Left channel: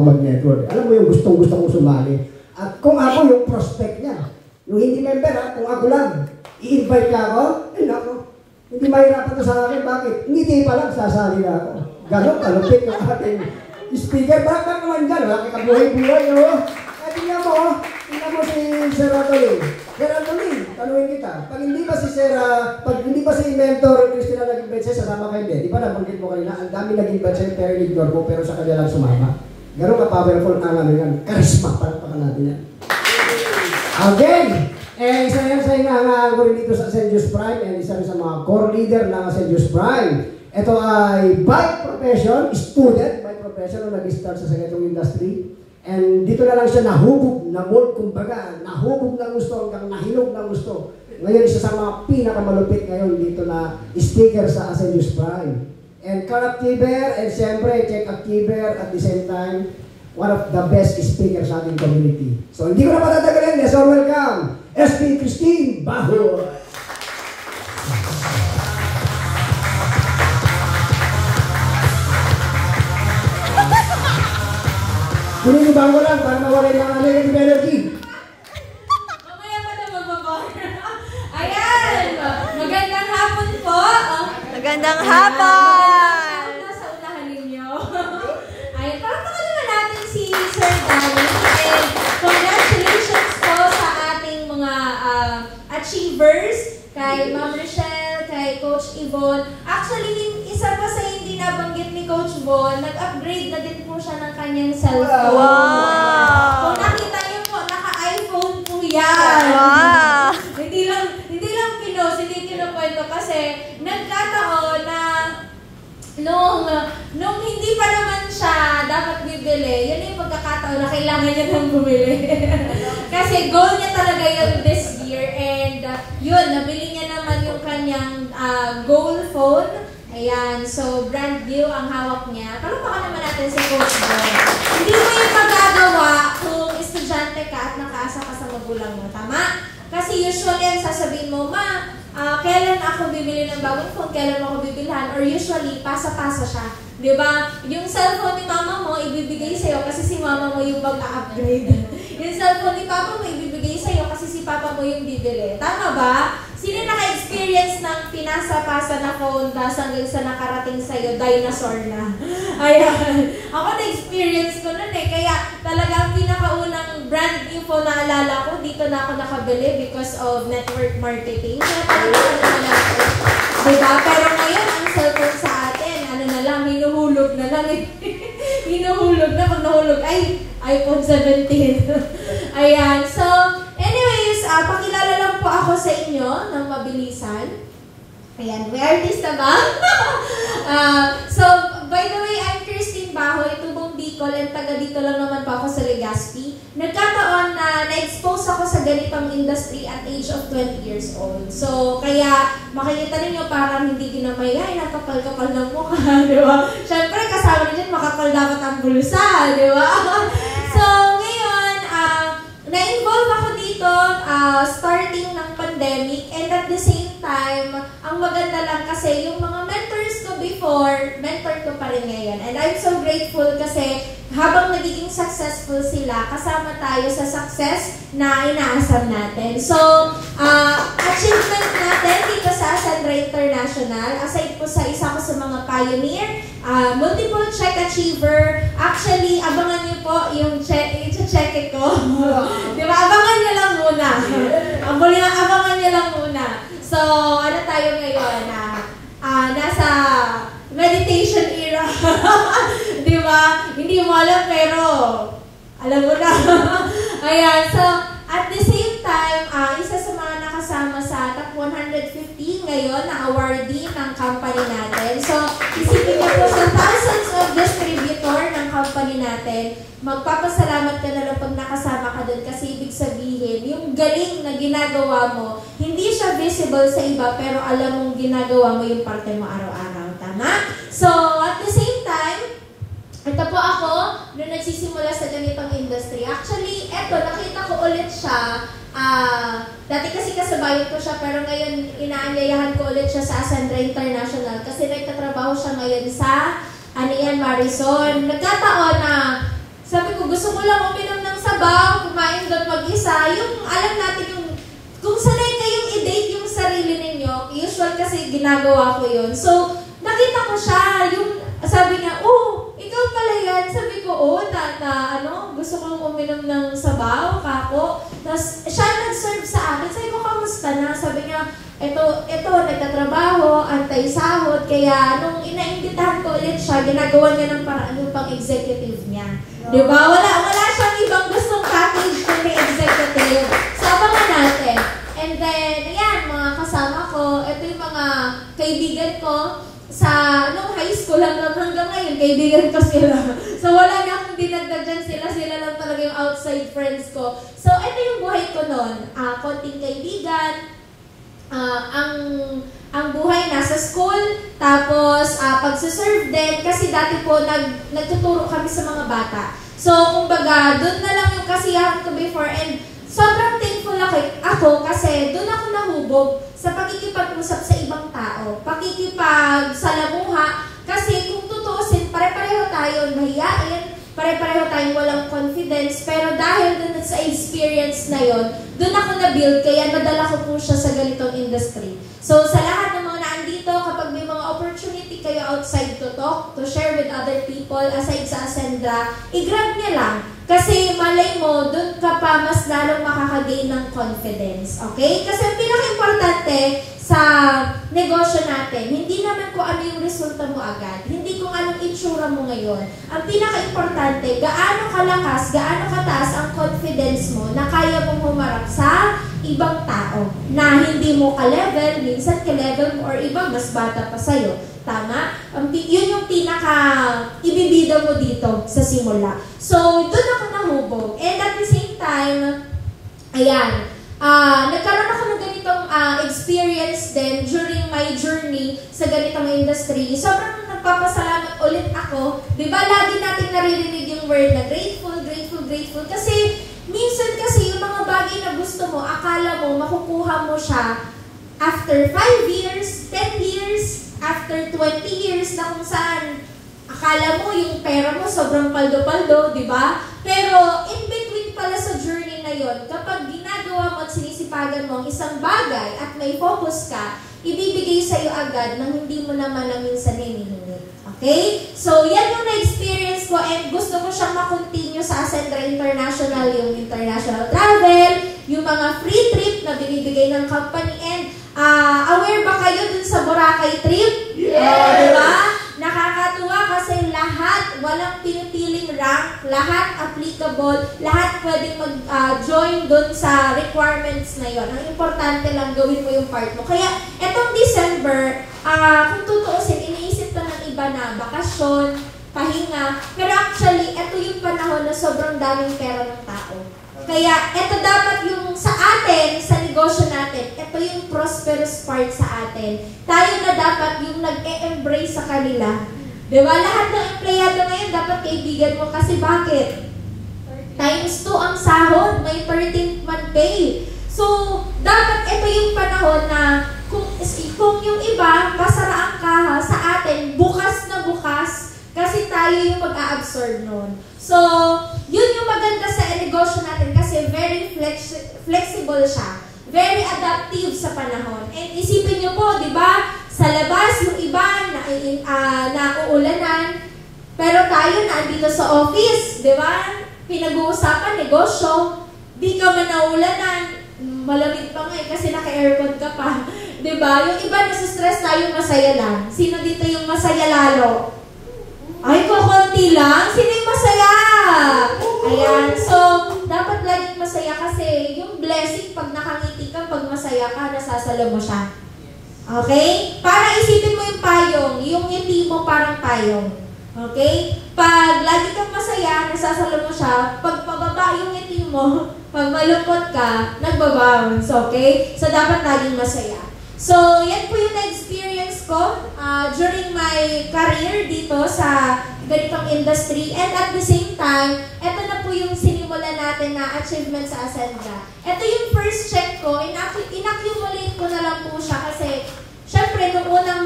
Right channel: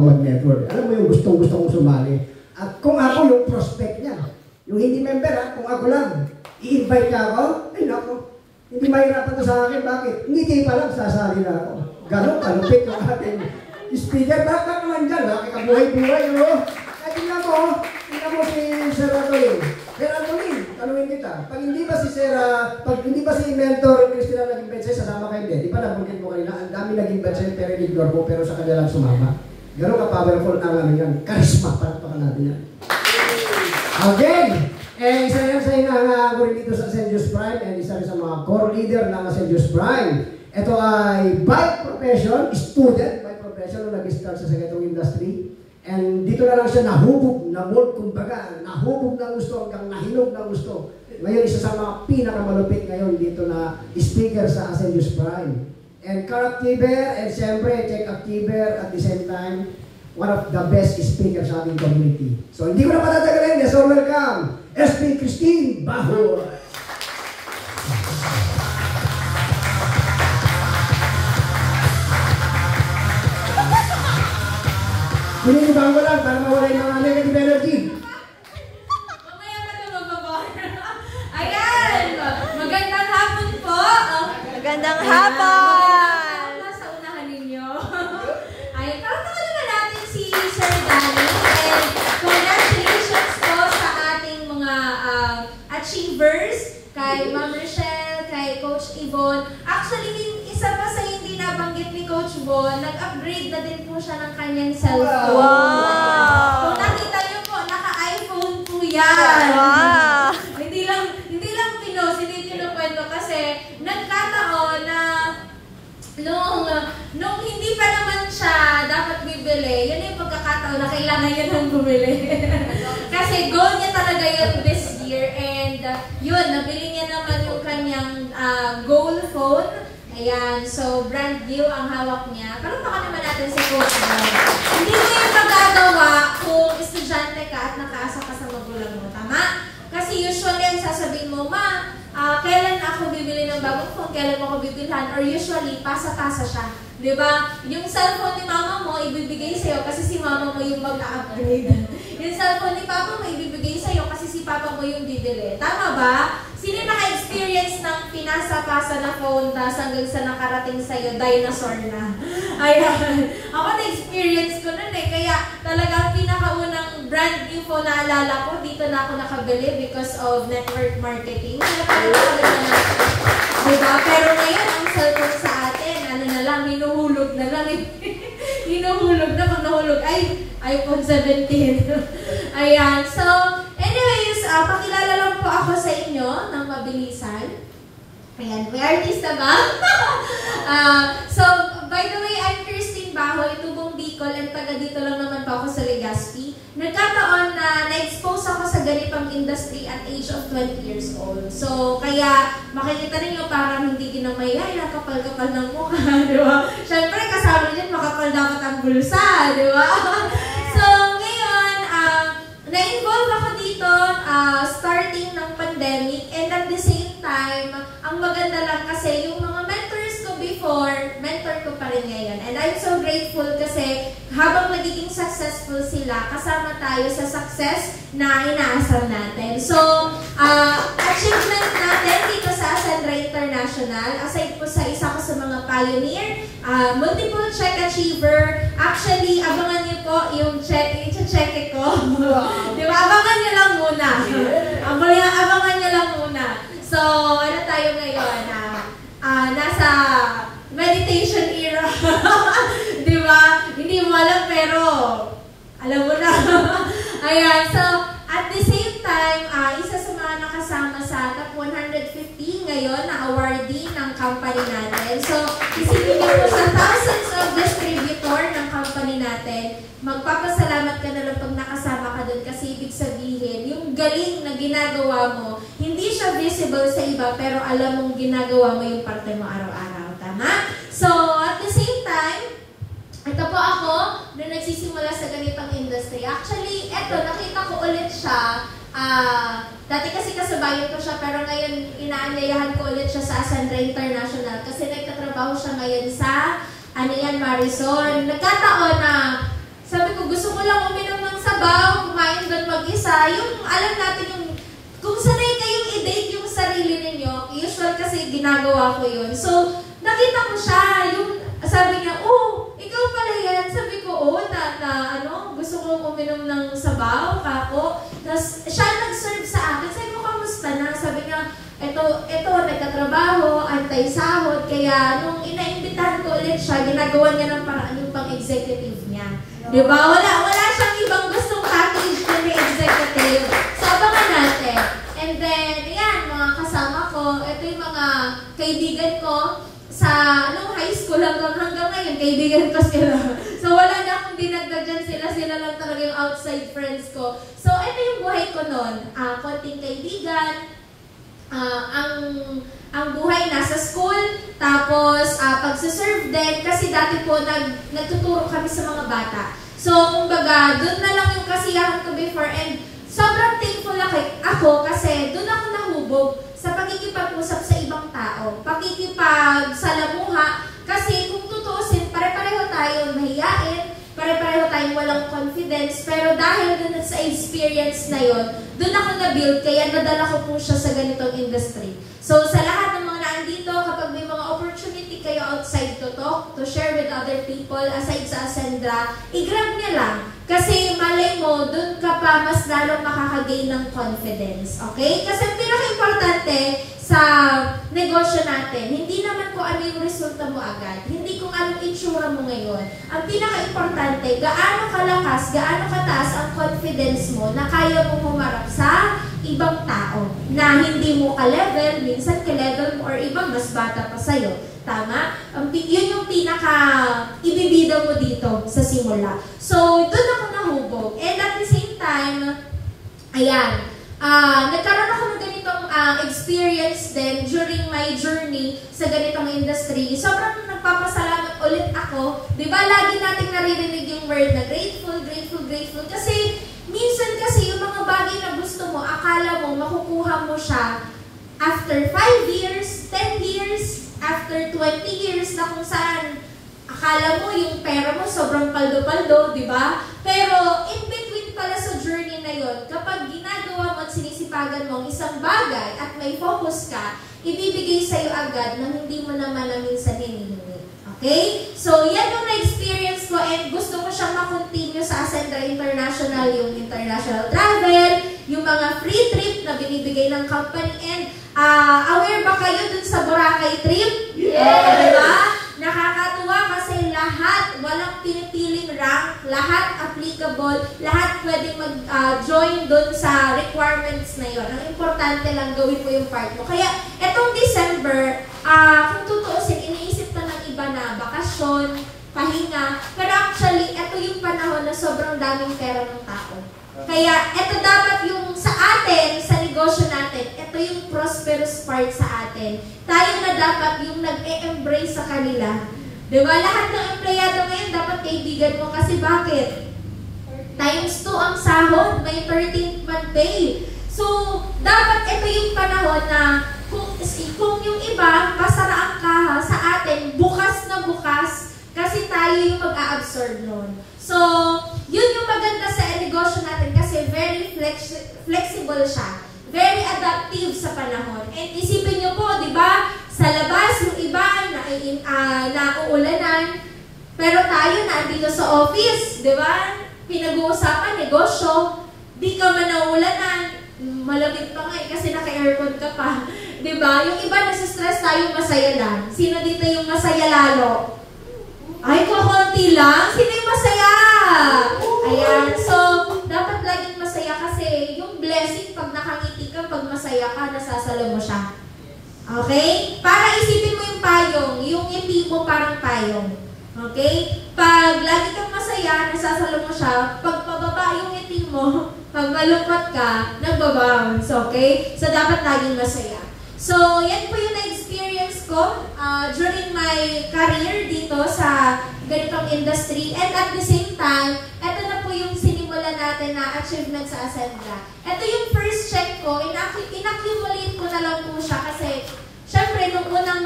mag-network. Alam mo yung gustong-gusto kong sumali. At kung ako yung prospect niya, yung hindi member, kung ako lang, i-invite ka ako, ay nako, hindi mahirapan to sa akin. Bakit? Ngiti pa lang, sasali na ako. Ganon, kalupit yung ating speaker. Bakit naman dyan? Wala kang kabuhay-buhay, no? At tingnan mo si Sir Anthony. Sir Anthony, tanungin kita. Pag hindi ba si mentor Christina naging betsa, sasama kayo din. Di ba nabanggit mo kanina, ang dami naging betsa, pero ignore mo, pero sa kanya lang sumama. Gano'n ka-powerful ang ano yan. Charisma, palakpakan natin yan. Again, isa yan sa inaangaan ko rin dito sa St. Joe's Prime, and isa rin sa mga core leader ng St. Joe's Prime. Ito ay by profession, student by profession, na nag-start sa secretary industry. And dito na lang siya nahubog, na-mold, kumbaga, nahubog ng gusto hanggang nahinog ng gusto. Ngayon, isa sa mga pinakamalupit ngayon dito na speaker sa St. Joe's Prime. And Car-Activer, and siyempre, Check-Activer at the same time, one of the best speakers sa ating community. So, hindi ko na patatagalin. Let's all welcome, SP Christine Bahoy. Pininibahan ko lang para mawala yung negative energy. Mamaya pa na mababar. Ayan! Magandang hapon po. Magandang hapon! Nasa unahan ninyo. Ayan, palakpakan naman natin si Sir Danny. And congratulations po sa ating mga achievers. Kay Ma'am Rochelle, kay Coach Yvonne. Actually, isa pa sa hindi nabanggit ni Coach Bon, nag-upgrade na din po siya ng kanyang cellphone. Wow! Kung nakita niyo po, naka-iPhone po yan. Wow! Hindi lang pinos, hindi kinukwento kasi nagkataon na nung hindi pa naman siya dapat bibili, yan yung pagkakataon na kailangan niya nang bumili. Kasi goal niya talaga yun this year, and yun, nabili niya naman yung kanyang goal phone. Ayan, so brand new ang hawak niya. Palakpakan naman natin si Coach Bon. Hindi mo yung magagawa kung estudyante ka at nakaasa ka sa magulang mo, tama? Kasi usually ang sasabihin mo, Ma, kailan ako bibili ng bagong phone, kailan mo ako bibilhan, or usually, pasa-pasa siya. Di ba? Yung cellphone ni mama mo, ibibigay sa'yo kasi si mama mo yung mag-upgrade. Yung cellphone ni papa mo, ibibigay sa'yo kasi si papa mo yung bibili. Tama ba? Sino naka-experience ng pinasa-pasa na phone tapos hanggang sa nakarating sa'yo, dinosaur na? Ayan. Ako na-experience ko nun eh. Kaya talagang pinakaunang brand new phone na alala ko, dito na ako nakabili because of network marketing. Diba? Pero ngayon, ang cellphone sa atin, ano na lang, hinuhulog na lang. Hinuhulog na, pag nahulog, ay, iPhone 17. Ayan. So, anyways, pakilala lang po ako sa inyo ng mabilisan. Ayan, may artista ba? So, by the way, I'm Christine Bahoy, tubong Bicol, and taga dito lang naman po ako sa Legazpi. Nagkataon na na-expose ako sa ganitong industry at age of 20 years old. So, kaya makikita ninyo parang hindi ginamay, ay, nakapal-kapal ng mukha, di ba? Siyempre, kasama din, makapal dapat ang bulsa, di ba? So, ngayon, na-involve ako dito starting ng pandemic, and at the same time, ang maganda lang kasi yung mga mentors ko before, mentor ko pa rin ngayon. And I'm so grateful kasi habang nagiging successful sila, kasama tayo sa success na inaasam natin. So, achievement natin dito sa Ascendra International, aside po sa isa ko sa mga pioneer, multiple check achiever. Actually, abangan niyo po yung check ko. Di ba? Abangan niyo lang muna. Abangan niyo lang muna. So, ano tayo ngayon? Nasa meditation era. Di ba? Hindi mo alam pero alam mo na. Ayan. So, at the same time, isa sa mga nakasama sa top 150 ngayon na awardee ng company natin. So, isipin niyo po sa thousands of distributor ng company natin, magpapasalamat ka na lang pag nakasama ka doon kasi ibig sabihin, yung galing na ginagawa mo, hindi siya visible sa iba pero alam mong ginagawa mo yung parte mo araw-araw. Tama? So, at the same time, ito po ako, nung nagsisimula sa ganitong industry. Actually, eto, nakita ko ulit siya. Dati kasi kasabayan ko siya, pero ngayon inaanyayahan ko ulit siya sa Ascendra International kasi nagtatrabaho siya ngayon sa Marisol. Nagkataon na sa ko lang uminom ng sabaw, kumain doon mag-isa, yung alam natin yung, kung sanay kayong i-date yung sarili ninyo, usual kasi ginagawa ko yun. So, nakita ko siya, yung sabi niya, oh, ikaw pala yan. Sabi ko, oh, gusto kong uminom ng sabaw, kako. Tapos, siya nag-serve sa akin. Sabi ko, kamusta na? Sabi niya, ito, nagtatrabaho, antay-sahod. Kaya, nung inaimbitahan ko ulit siya, ginagawa niya ng paraan yung pang-executive niya. Diba? Wala siyang ibang gustong package kundi executive. So, abangan natin. And then, yan, mga kasama ko, ito yung mga kaibigan ko sa high school hanggang ngayon, kaibigan ko sila. So, wala na akong dinagdag dyan sila lang talaga yung outside friends ko. So, ito yung buhay ko noon. Konting kaibigan, ang buhay nasa school, tapos pagsiserve din, kasi dati po nagtuturo kami sa mga bata. So, kumbaga, doon na lang yung kasiyahan ko before, and sobrang thankful ako kasi doon ako nahubog sa pakikipag-usap sa ibang tao, pakikipagsalamuha, kasi kung tutuusin, pare-pareho tayo mahiyain, pare-pareho tayong walang confidence, pero dahil dun sa experience na yon, dun ako na-build, kaya nadala ko po siya sa ganitong industry. So, sa lahat ng mga naandito, kapag may mga opportunity kayo outside to talk, to share with other people, aside sa Ascendra, i-grab niya lang. Kasi malay mo, dun ka pa mas lalong makakagain ng confidence. Okay? Kasi ang pinaka-importante sa negosyo natin, hindi naman kung ano yung resulta mo agad. Hindi kung anong itsura mo ngayon. Ang pinaka-importante, gaano kalakas, gaano kataas ang confidence mo na kaya mo humarap sa ibang tao na hindi mo ka-level, minsan ka-level mo, or iba mas bata pa sa'yo. Tama? Yun yung pinaka-ibibida mo dito sa simula. So, doon ako nahubog. And at the same time, ayan, nagkaroon ako ng ganitong experience din during my journey sa ganitong industry. Sobrang nagpapasalamat ulit ako. Diba, lagi natin naririnig yung word na grateful, grateful, grateful. Kasi, minsan kasi yung mga bagay na gusto mo, akala mo, makukuha mo siya after 5 years, 10 years, after 20 years na kung saan akala mo yung pera mo sobrang paldo-paldo, di ba? Pero in between pala sa journey na yon, kapag ginagawa mo at sinisipagan mo ang isang bagay at may focus ka, ibibigay sa'yo agad nang hindi mo naman na minsan hinihingi. Okay? So, yan yung na-experience ko, and gusto ko siyang makontinue sa Ascendra International, yung international travel, yung mga free trip na binibigay ng company, and aware ba kayo dun sa Boracay trip? Yes! Diba? Nakakatuwa kasi lahat, walang pinipiling rank, lahat applicable, lahat pwedeng mag-join dun sa requirements na yon. Ang importante lang, gawin mo yung part mo. Kaya, etong December, kung tutuusin, iniisip ko ng iba na bakasyon, pahinga, pero actually, ito yung panahon na sobrang daming pera ng tao. Kaya, ito dapat yung sa atin, sa negosyo natin, ito yung prosperous part sa atin. Tayo na dapat yung nag-e-embrace sa kanila. Diba? Lahat ng empleyado ngayon dapat kaibigan mo, kasi bakit? Times 2 ang sahod, may 13th month pay. So, dapat ito yung panahon na kung yung iba, pasaraan ka sa atin, bukas na bukas, kasi tayo yung mag-a-absorb nun. So, yun yung maganda sa negosyo natin kasi very flexible siya. Very adaptive sa panahon. And isipin nyo po, di ba, sa labas yung iba na uulanan, pero tayo nandito sa office, di ba? Pinag-uusapan, negosyo, di ka man naulanan, malamig pa nga kasi naka-aircon ka pa. Di ba? Yung iba nasa-stress, tayo masaya lang. Sino dito yung masaya lalo? Ay, kukunti lang. Sino yung masaya? Ayan. So, dapat laging masaya kasi yung blessing, pag nakangiti ka, pag masaya ka, nasasalo mo siya. Okay? Para isipin mo yung payong, yung ngiti mo parang payong. Okay? Pag lagi kang masaya, nasasalo mo siya. Pag pababa yung ngiti mo, pag malungkot ka, nagbabounce. Okay? So, dapat laging masaya. So, yan po yung na-experience ko during my career dito sa ganitong industry. And at the same time, ito na po yung sinimulan natin na achievement sa Ascendra. Ito yung first check ko, inaccumulate ko na lang po siya kasi syempre, nung unang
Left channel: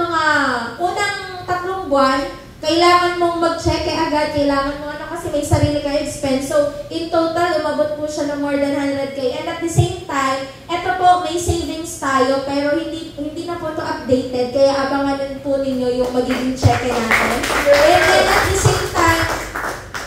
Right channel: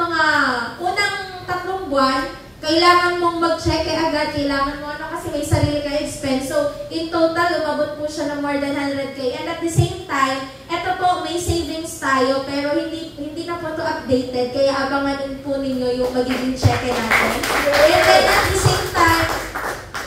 3 buwan, kailangan mong mag-check agad, kailangan mo kasi may sarili ka expense. So, in total, umabot po siya ng more than 100K. And at the same time, eto po, may savings tayo, pero hindi na po ito updated, kaya abangan din po ninyo yung magiging check natin. And then at the same time,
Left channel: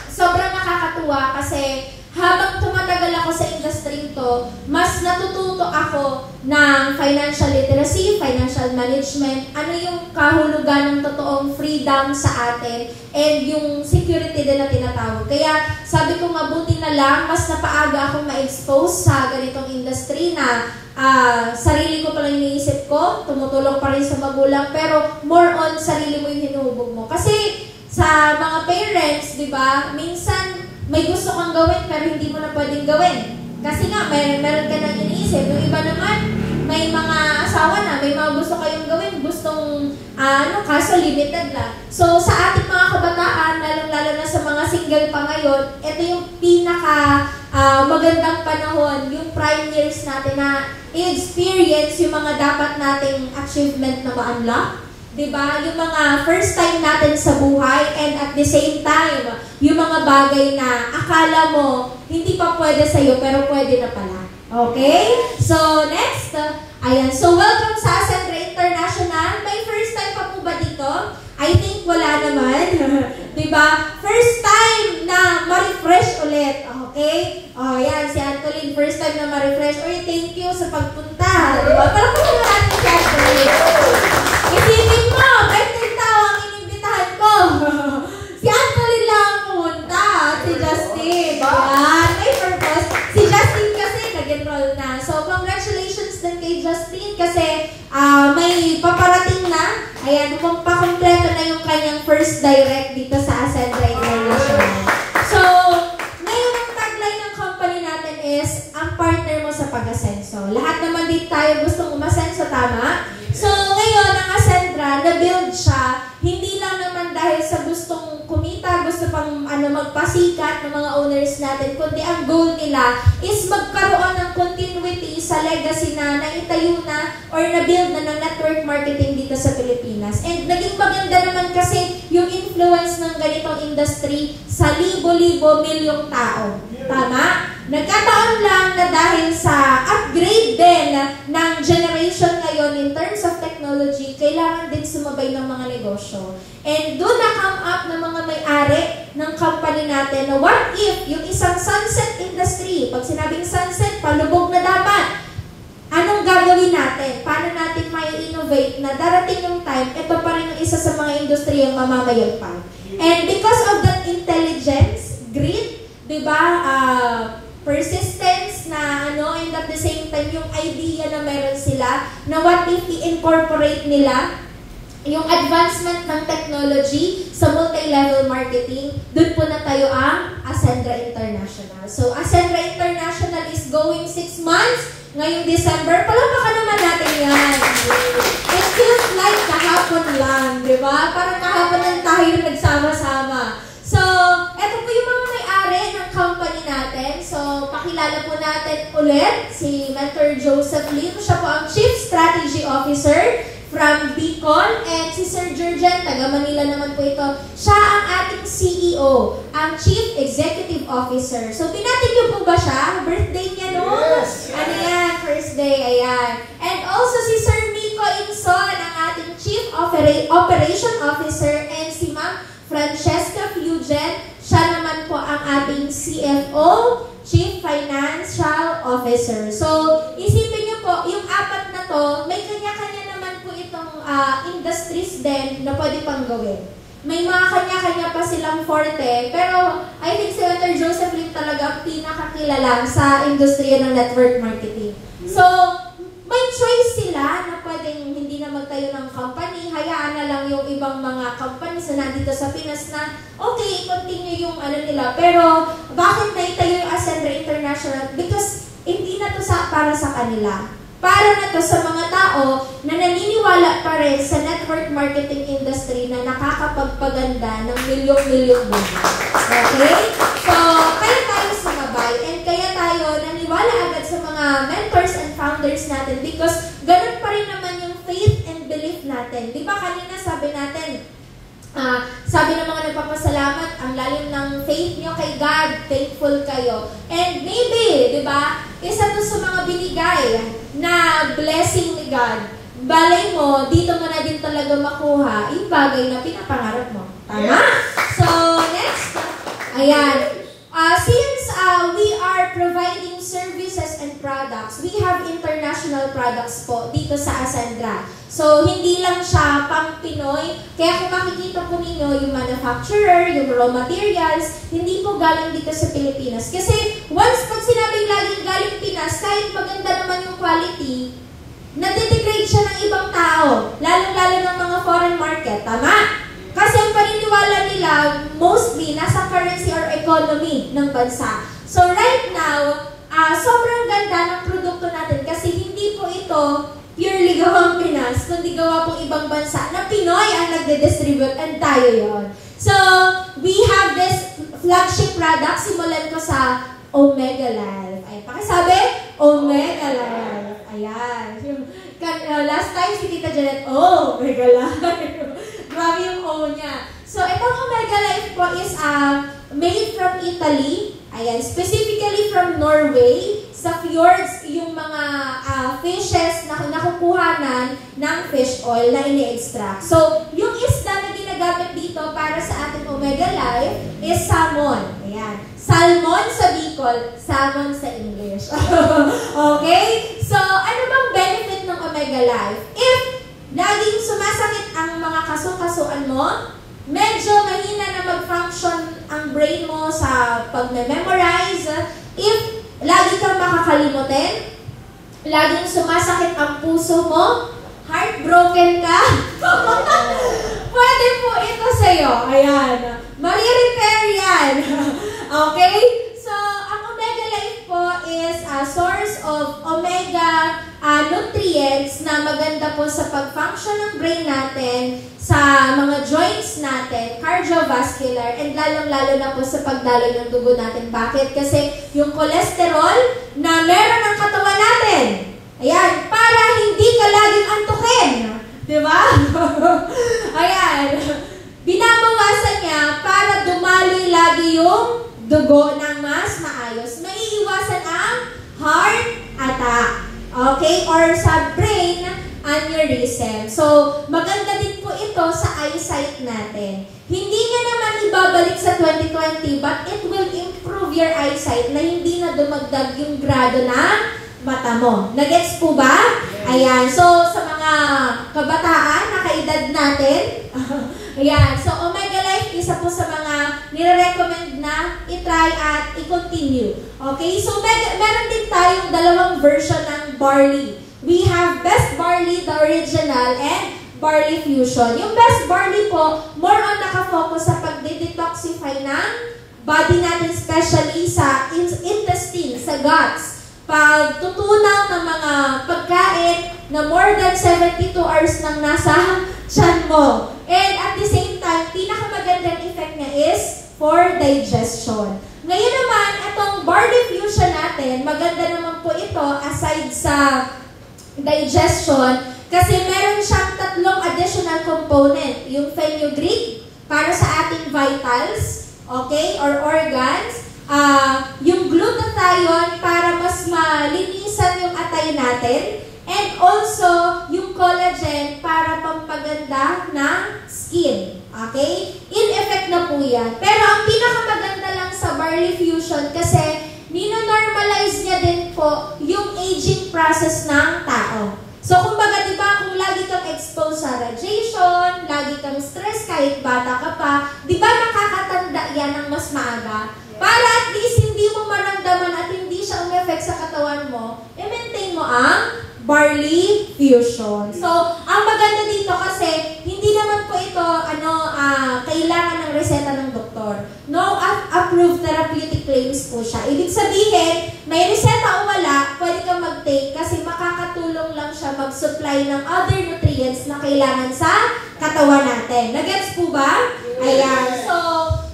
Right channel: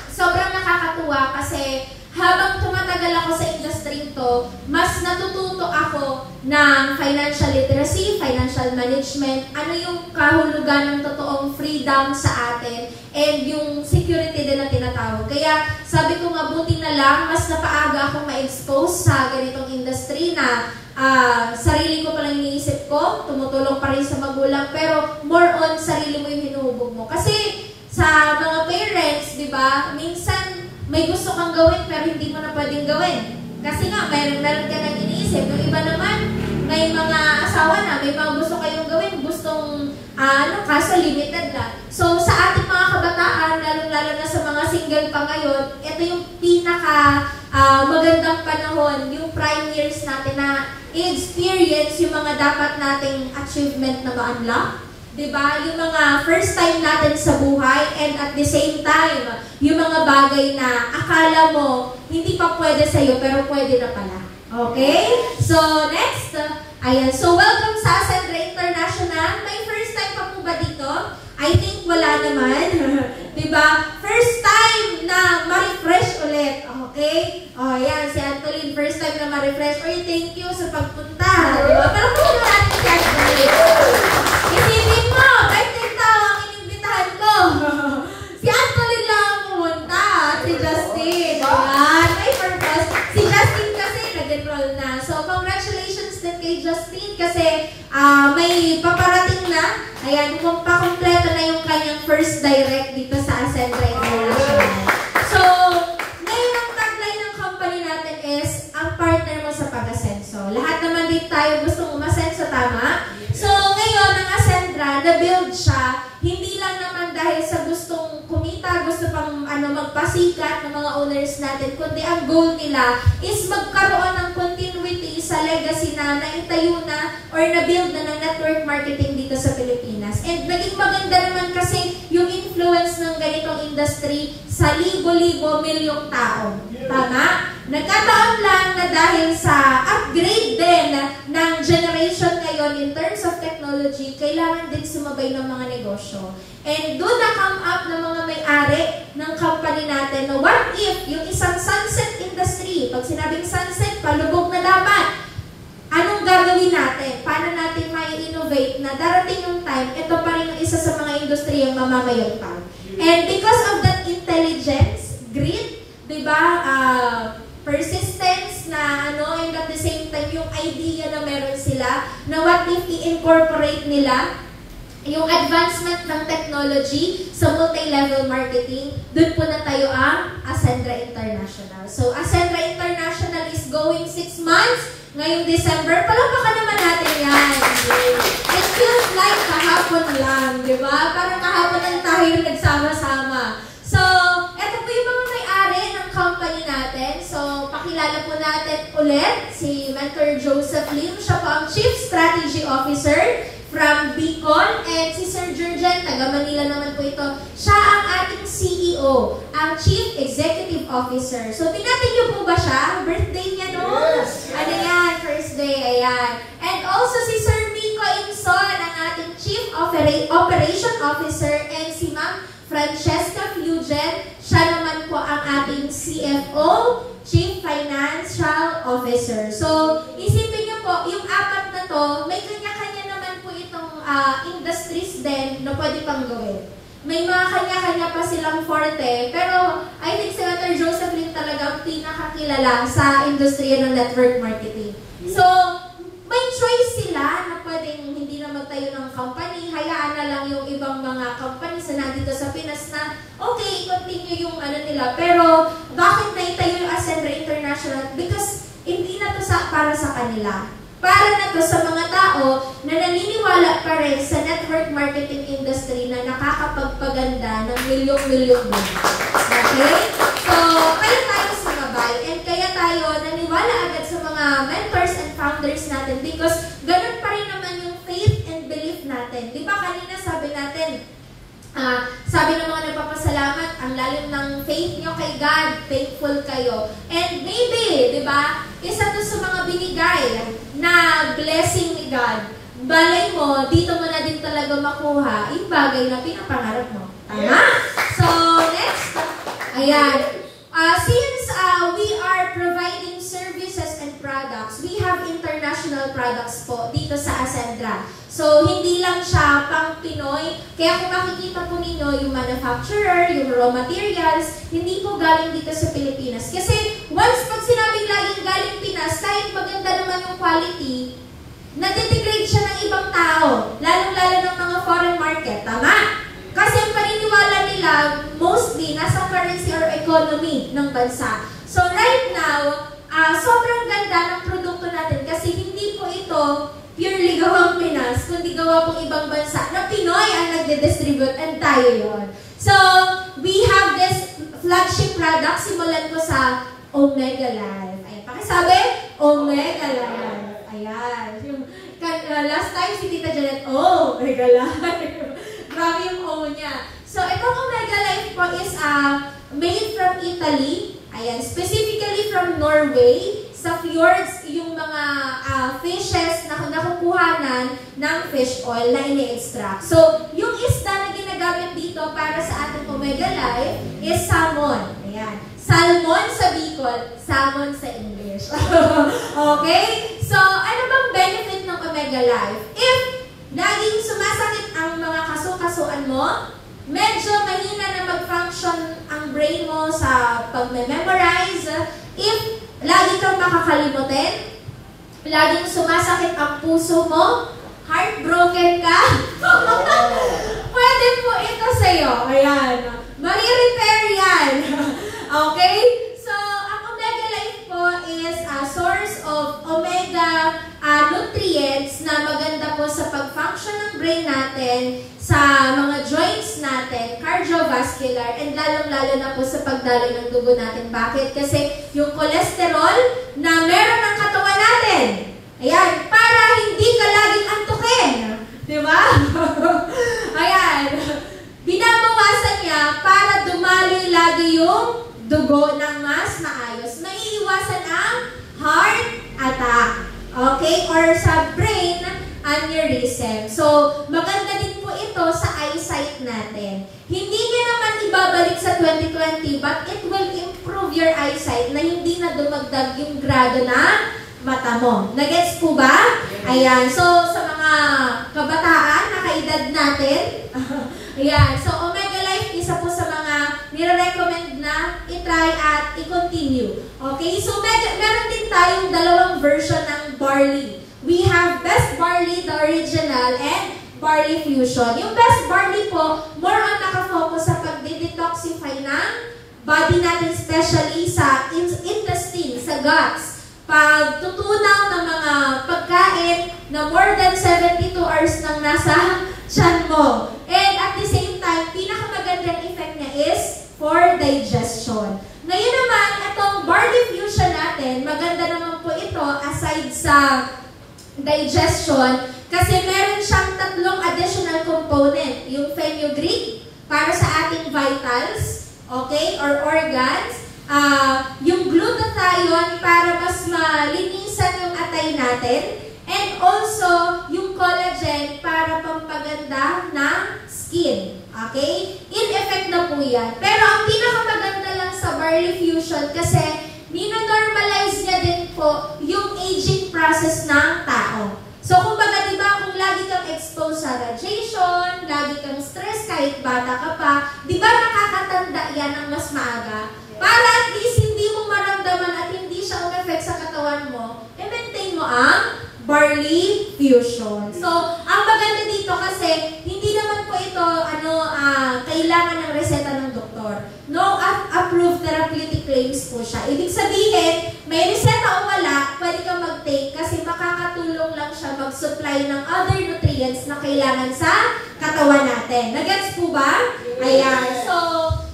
sobrang nakakatuwa kasi habang tumatagal ako sa industry to, mas natututo ako ng financial literacy, financial management, ano yung kahulugan ng totoong freedom sa atin, and yung security din na tinatawag. Kaya sabi ko mabuti na lang, mas napaaga akong ma-expose sa ganitong industry na sarili ko palang iniisip ko, tumutulong pa rin sa magulang, pero more on sarili mo yung hinuhubog mo. Kasi sa mga parents, di ba, minsan may gusto kang gawin pero hindi mo na pwedeng gawin. Kasi nga, meron ka nang iniisip. Yung iba naman, may mga asawa na, may mga gusto kayong gawin, gustong, kaso limited lang. So, sa ating mga kabataan, lalo na sa mga single pa ngayon, ito yung pinaka magandang panahon, yung prime years natin na i-experience yung mga dapat nating achievement na ma-unlock. Diba? Yung mga first time natin sa buhay, and at the same time, yung mga bagay na akala mo hindi pa pwede sa'yo pero pwede na pala. Okay? So, next. Ayan. So, welcome sa Ascendra International. May first time pa po ba dito? I think wala naman. Diba? First time na ma-refresh ulit. Okay? O, ayan. Si Antolin, first time na ma-refresh. Oy, thank you sa pagpunta. Diba? Pero kung natin si Antolin. Isipin mo, 13 tao ang inimbitahan ko. Si Antolin lang ang pumunta. Si Justin. Diba? May purpose. Si Justin kasi nag-enroll na. So, congratulations din kay Justin kasi may paparating na. Ayan, pakompleto na yung kanyang first direct dito sa Ascendra International. So, ngayon ang tagline ng company natin is, ang partner mo sa pag-asenso. Lahat naman dito tayo gustong umasenso, tama? So, ngayon, ang Ascendra, na-build siya, hindi lang naman dahil sa gustong kumita, gusto pang magpasikat ng mga owners natin, kundi ang goal nila is magkaroon ng continuity sa legacy na naitayo na or na-build na ng network marketing dito sa Pilipinas. And naging maganda naman kasi yung influence ng ganitong industry sa libo-libo, milyong tao. Tama? Nagkataon lang na dahil sa upgrade din ng generation ngayon in terms of technology, kailangan din sumabay ng mga negosyo. And doon na-come up ng mga may-ari ng company natin na what if yung isang sunset industry, pag sinabing sunset, palubog na dapat, anong gagawin natin? Paano natin may innovate na darating ng time, ito pa rin ang isa sa mga industriya yung mamamayagpag. And because of that intelligence, grit, diba, persistence na and at the same time yung idea na meron sila na what if i-incorporate nila yung advancement ng technology sa multi-level marketing, doon po na tayo ang Ascendra International. So, Ascendra International is going 6 months. Ngayong December, palakpakan naman natin yan. It feels like kahapon lang, di ba? Parang kahapon lang tayo nagsama-sama. So, eto po yung mga may-ari ng company natin. So, pakilala po natin ulit si Mentor Joseph Lim. Siya po ang Chief Strategy Officer from Beacon, and si Sir Jurgen, taga Manila naman po ito. Siya ang ating CEO, ang Chief Executive Officer. So, pinatin niyo po ba siya? Birthday niya, no? Yes! Ano yan? First day, ayan. And also si Sir Miko Inson, ang ating Chief Operation Officer, and si Ma'am Francesca Fugen, siya naman po ang ating CFO, Chief Financial Officer. So, isipin niyo po, yung apat na to, may kanya-kanya naman po itong industries din na pwede pang gawin. May mga kanya-kanya pa silang forte, pero I think si Dr. Joseph Lim talaga ang pinakakilala sa industriya ng network marketing. So, may choice sila na pwedeng hindi na magtayo ng company, hayaan na lang yung ibang mga companies na nandito sa Pinas na okay, continue yung nila. Pero, bakit naitayo yung Ascendra International? Because, hindi na to para sa kanila. Para na to sa mga tao na naniniwala pa rin sa network marketing industry na nakakapagpaganda ng milyong-milyong buhay. Okay? So, kaya tayo sumabay and kaya tayo naniwala agad sa mga mentors and founders natin because ganun pa rin naman yung faith and belief natin. Di ba kanina sabi faith nyo kay God, thankful kayo. And maybe, di ba, isa to sa mga binigay na blessing ni God. Balay mo, dito mo na din talaga makuha yung bagay na pinapangarap mo. Tama? So, next. Ayan. Since we are providing services and products, we have international products po dito sa Ascendra. So, hindi lang siya pang Pinoy. Kaya kung makikita po ninyo yung manufacturer, yung raw materials, hindi po galing dito sa Pilipinas. Kasi once pag sinabing laging galing Pinas, kahit maganda naman yung quality, natidegrade siya ng ibang tao. Lalong-lalo ng mga foreign market. Tama? Kasi ang paniniwala nila, mostly, nasa currency or economy ng bansa. So right now, sobrang ganda ng produkto natin kasi hindi po ito purely gawang Pinas, kundi gawa pong ibang bansa na Pinoy ang nagde-distribute and tayo yon. So, we have this flagship product, simulan ko sa Omega Life. Ay, pakisabi, Omega Life. Ayan. Last time si Tita Janet, Omega Life. Grabe yung O niya. So, itong Omega Life po is made from Italy. Ayan, specifically from Norway. Sa fjords, yung mga fishes na nakukuhanan ng fish oil na ini-extract. So, yung isda na ginagamit dito para sa ating Omega Life is salmon. Ayan. Salmon sa Bicol, salmon sa English. Okay? So, ano bang benefit ng Omega Life? If laging sumasakit ang mga kaso-kasuan mo, medyo mahina na mag-function ang brain mo sa pag-memorize, if lagi kang makakalimutin, laging sumasakit ang puso mo, heartbroken ka, pwede po ito sa'yo. Ayan. Mari-repair yan. Okay? So, ang Omega Life po is a source of omega nutrients na maganda po sa pag-function ng brain natin, sa mga joints natin, cardiovascular, and lalong-lalo na po sa pagdaloy ng dugo natin. Bakit? Kasi yung cholesterol na meron ng katawan natin, ayan, para hindi ka laging antukin. Di ba? Ayan. Binabawasan niya para dumaloy lagi yung dugo ng mas maayos. Maiiwasan ang heart attack. Okay? Or sa brain aneurysm. So, maganda din po ito sa eyesight natin. Hindi niya naman ibabalik sa 2020, but it will improve your eyesight na hindi na dumagdag yung grado ng mata mo. Nagets po ba? Ayan. So, sa mga kabataan, nakaedad natin, ayan. So, Omega Life, isa po sa mga nire-recommend na i-try at i-continue. Okay? So, meron din tayong dalawang version ng barley. We have Best Barley, the original, and Barley Fusion. Yung Best Barley po, more on nakafocus sa pag-detoxify ng body natin, especially sa intestine, sa guts. Pagtutunaw ng mga pagkain na more than 72 hours nang nasa tiyan mo. And at the same time, pinakamagandang effect niya is for digestion. Ngayon naman, itong Barley Fusion natin, maganda naman po ito aside sa digestion kasi meron siyang tatlong additional component. Yung fenugreek para sa ating vitals, okay, or organs. Yung glutathione para mas malinisan yung atay natin. And also, yung collagen para pampaganda ng skin. Okay? In effect na po yan. Pero ang pinakamaganda lang sa Barley Fusion kasi nino-normalize niya din po yung aging process ng tao. So, kumbaga, di ba, kung lagi kang exposed sa radiation, lagi kang stress kahit bata ka pa, di ba nakakatanda yan ng mas maaga? Para at least hindi mo maramdaman at hindi siya un-effect sa katawan mo, i-maintain mo ang Barley Fusion. So, ang maganda dito kasi, hindi naman po ito, kailangan ng reseta ng doktor. No approved therapeutic claims po siya. Ibig sabihin, may reseta o wala, pwede kang mag-take kasi makakatulong lang siya mag-supply ng other nutrients na kailangan sa katawan natin. Nagets po ba? Ayan. So,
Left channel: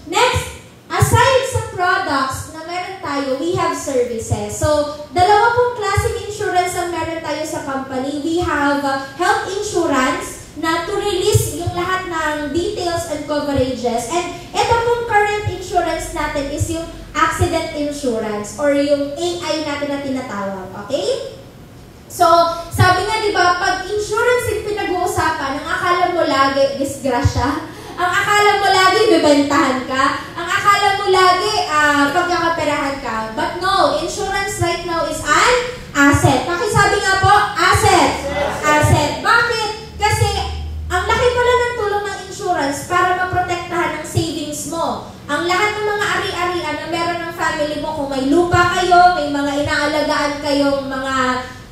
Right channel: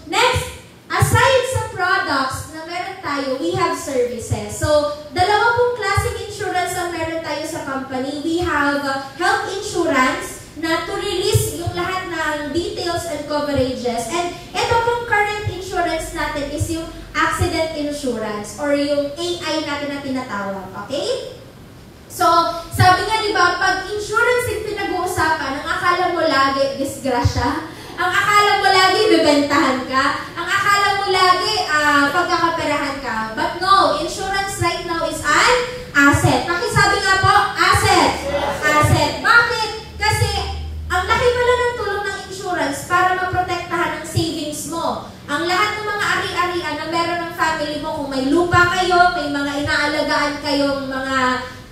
next, aside sa products na meron tayo, we have services. So, dalawa pong klaseng insurance ang meron tayo sa company. We have health insurance na to release yung lahat ng details and coverages. And ito pong current insurance natin is yung accident insurance or yung AI natin na tinatawag. Okay? So, sabi nga, di ba, pag insurance yung pinag-uusapan, ang akala mo lagi disgrasya, ang akala mo lagi bibentahan ka, ang akala mo lagi pagkakaperahan ka. But no, insurance right now is an asset. Pakisabi nga po, asset. Asset. Bakit? Kasi ang laki pala ng tulong ng insurance para maprotektahan ang savings mo. Ang lahat ng mga ari-arian na meron ng family mo, kung may lupa kayo, may mga inaalagaan kayong mga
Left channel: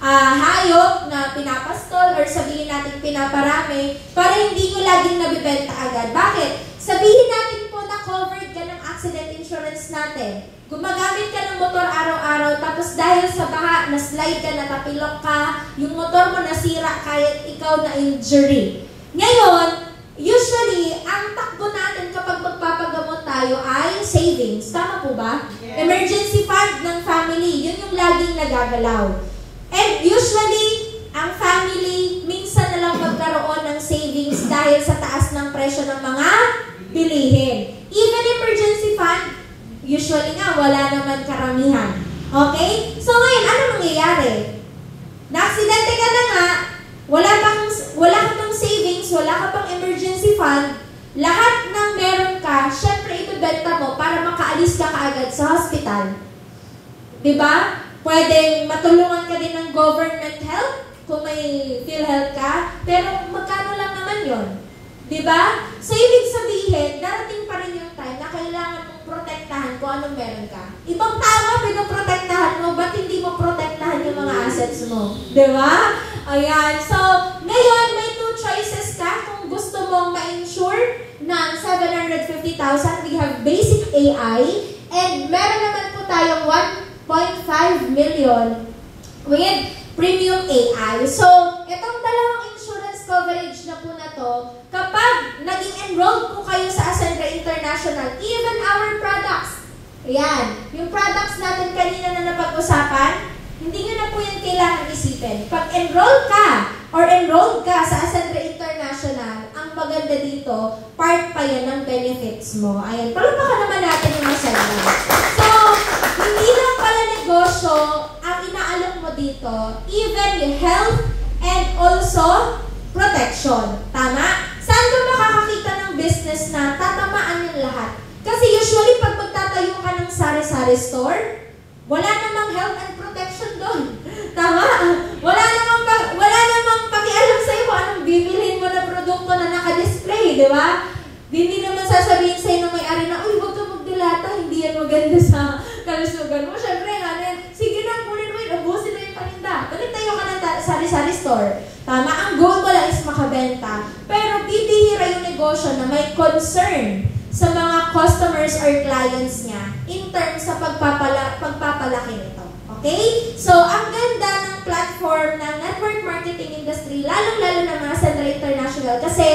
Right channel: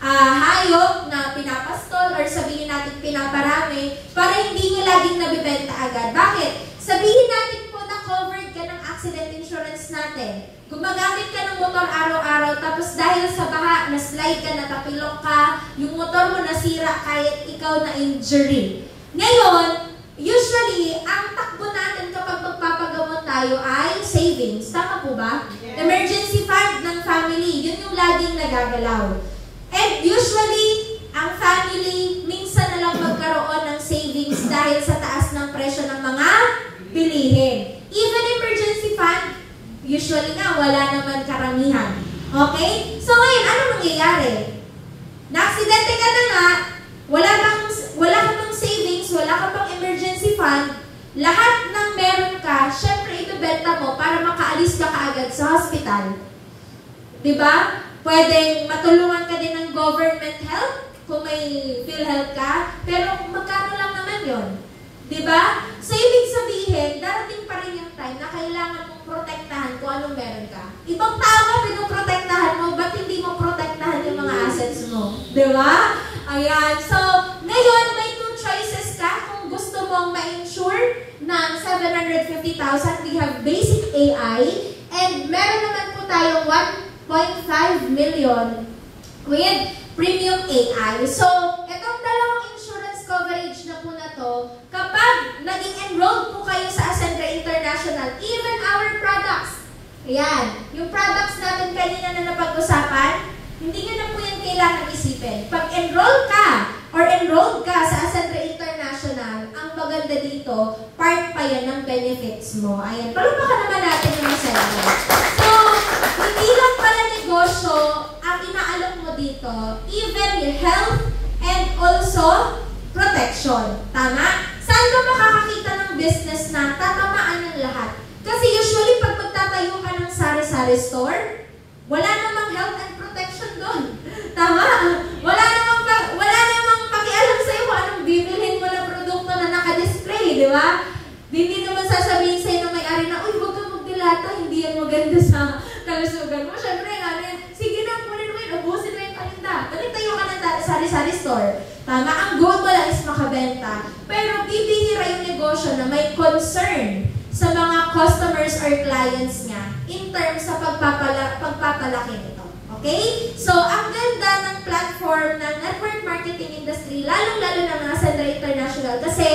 hayop na pinapastol or sabihin natin pinaparami para hindi nyo laging nabibenta agad. Bakit? Sabihin natin po na covered ka ng accident insurance natin. Gumagamit ka ng motor araw-araw tapos dahil sa baha, na-slide ka, natapilok ka, yung motor mo nasira kahit ikaw na injury. Ngayon, usually, ang takbo natin kapag magpapagamot tayo ay savings. Tama po ba? Yeah. Emergency fund ng family, yun yung laging nagagalaw. And usually, ang family, minsan na lang magkaroon ng savings dahil sa taas ng presyo ng mga bilihin. Even emergency fund, usually nga, wala naman karamihan. Okay? So ngayon, ano nangyayari? Na-aksidente ka na nga, wala ka pang savings, wala ka pang emergency fund, lahat ng meron ka, syempre ibebenta mo para makaalis ka kaagad sa hospital. Diba? Pwedeng matulungan ka din ng government help kung may PhilHealth ka, pero magkano lang naman yon, diba? So, ibig sabihin, darating pa rin yung time na kailangan mong protektahan kung anong meron ka. Ibang tao ka, pinoprotektahan mo, ba't hindi mo protektahan yung mga assets mo? Diba? Ayan. So, ngayon, may two choices ka kung gusto mong ma-insure ng 750,000. We have basic AI, and meron naman po tayong 1.5 million with premium AI. So, itong dalawang insurance coverage na po na to, kapag naging enrolled po kayo sa Ascendra International, even our products, ayan, yung products natin kanina na napag-usapan, hindi nyo na po yan kailangan isipin. Pag enrolled ka or enrolled ka sa Ascendra International, ang maganda dito, part pa yan ng benefits mo. Ayan, palumbakan naman natin yung Ascendra. So, hindi lang pala negosyo ang inaalok mo dito, even yung health and also protection. Tama? Saan ka makakakita ng business na tatamaan yung lahat? Kasi usually, pag magtatayo ka ng sari-sari store, wala namang health and protection doon. Tama? Wala namang pakialam sa'yo kung anong bibilhin mo na produkto na naka-display, di ba? Hindi naman sasabihin sa'yo ng may-ari na, uy, huwag kang magdilata, hindi yan maganda sa kalusugan mo. Siyempre, sige na, kunin mo yun, ubusin mo yung paninda. Balik tayo ka ng sari-sari store. Tama, ang goal mo lang is makabenta. Pero bibihira yung negosyo na may concern sa mga customers or clients niya in terms sa pagpapalaki nito. Okay? So, ang ganda ng platform ng network marketing industry, lalong-lalo ng mga Ascendra International, kasi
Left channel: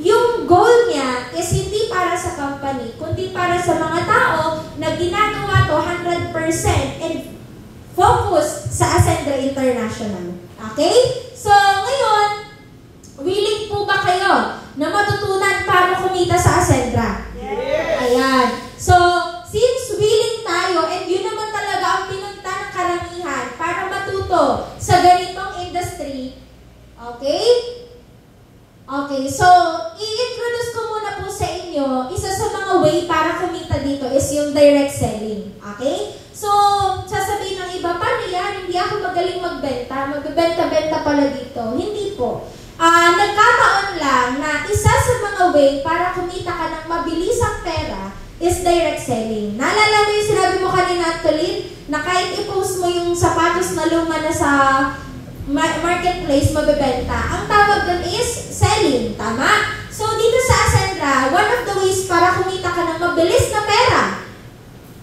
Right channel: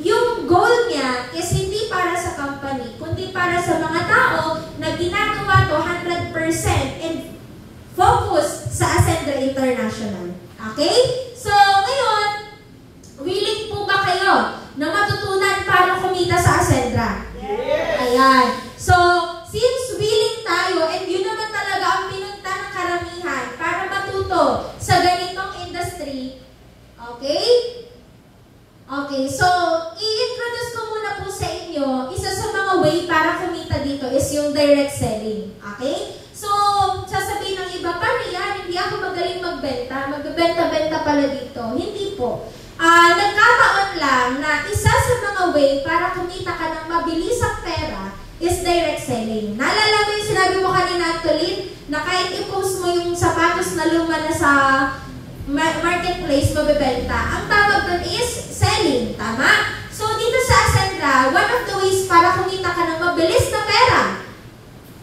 yung goal niya is hindi para sa company, kundi para sa mga tao na ginagawa to 100% and focus sa Ascendra International. Okay? So, ngayon, willing po ba kayo na matutunan paano kumita sa Ascendra? Yes! Ayan. So, since willing tayo, and yun naman talaga ang pinunta ng karamihan para matuto sa ganitong industry, okay? Okay, so, i-introduce ko muna po sa inyo, isa sa mga way para kumita dito is yung direct selling. Okay? So, sasabihin ng iba, paano yan? Hindi ako magaling magbenta. Magbenta-benta pala dito. Hindi po. Nagkataon lang na isa sa mga way para kumita ka ng mabilisang pera is direct selling. Naalala mo yung sinabi mo kanina, Antolin, na kahit i-post mo yung sapatos na luma na sa marketplace, mabibenta. Ang tawag dun is selling. Tama? So, dito sa Ascendra, one of the ways para kumita ka ng mabilis na pera,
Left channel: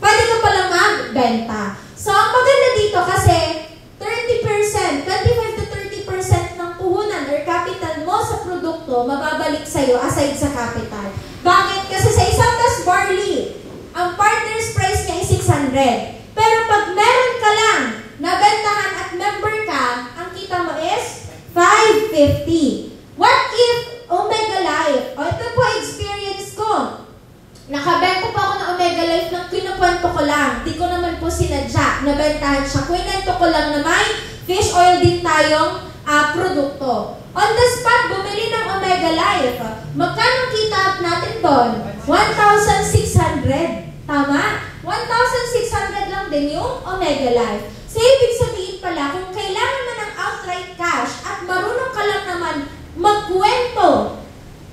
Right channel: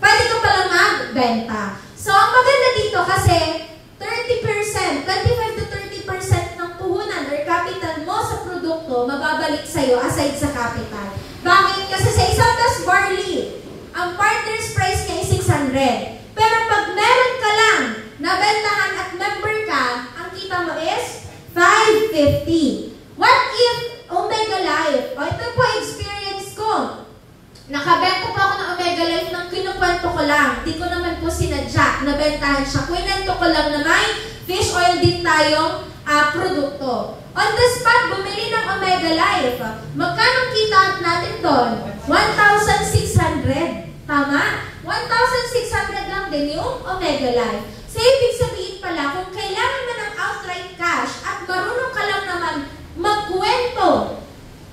pwede ka palang magbenta. So, ang maganda dito kasi 30%, 25 to 30% ng puhunan or capital mo sa produkto mababalik sa'yo aside sa capital. Bakit? Kasi sa isang tas barley, ang partner's price niya is 600. Pero pag meron ka lang, nabentahan at member ka, ang kita mo is 550. What if Omega Life, o ito po experience ko, Nakabenta po ako ng Omega Life ng kinukwento ko lang. Di ko naman po sinadya. Nabentahan siya. Kwento ko lang na may fish oil din tayong produkto. On the spot, bumili ng Omega Life. Magkano kita natin doon? 1,600. Tama? 1,600 lang din yung Omega Life. So, ibig sabihin pala, kung kailangan mo ng outright cash at marunong ka lang naman magkwento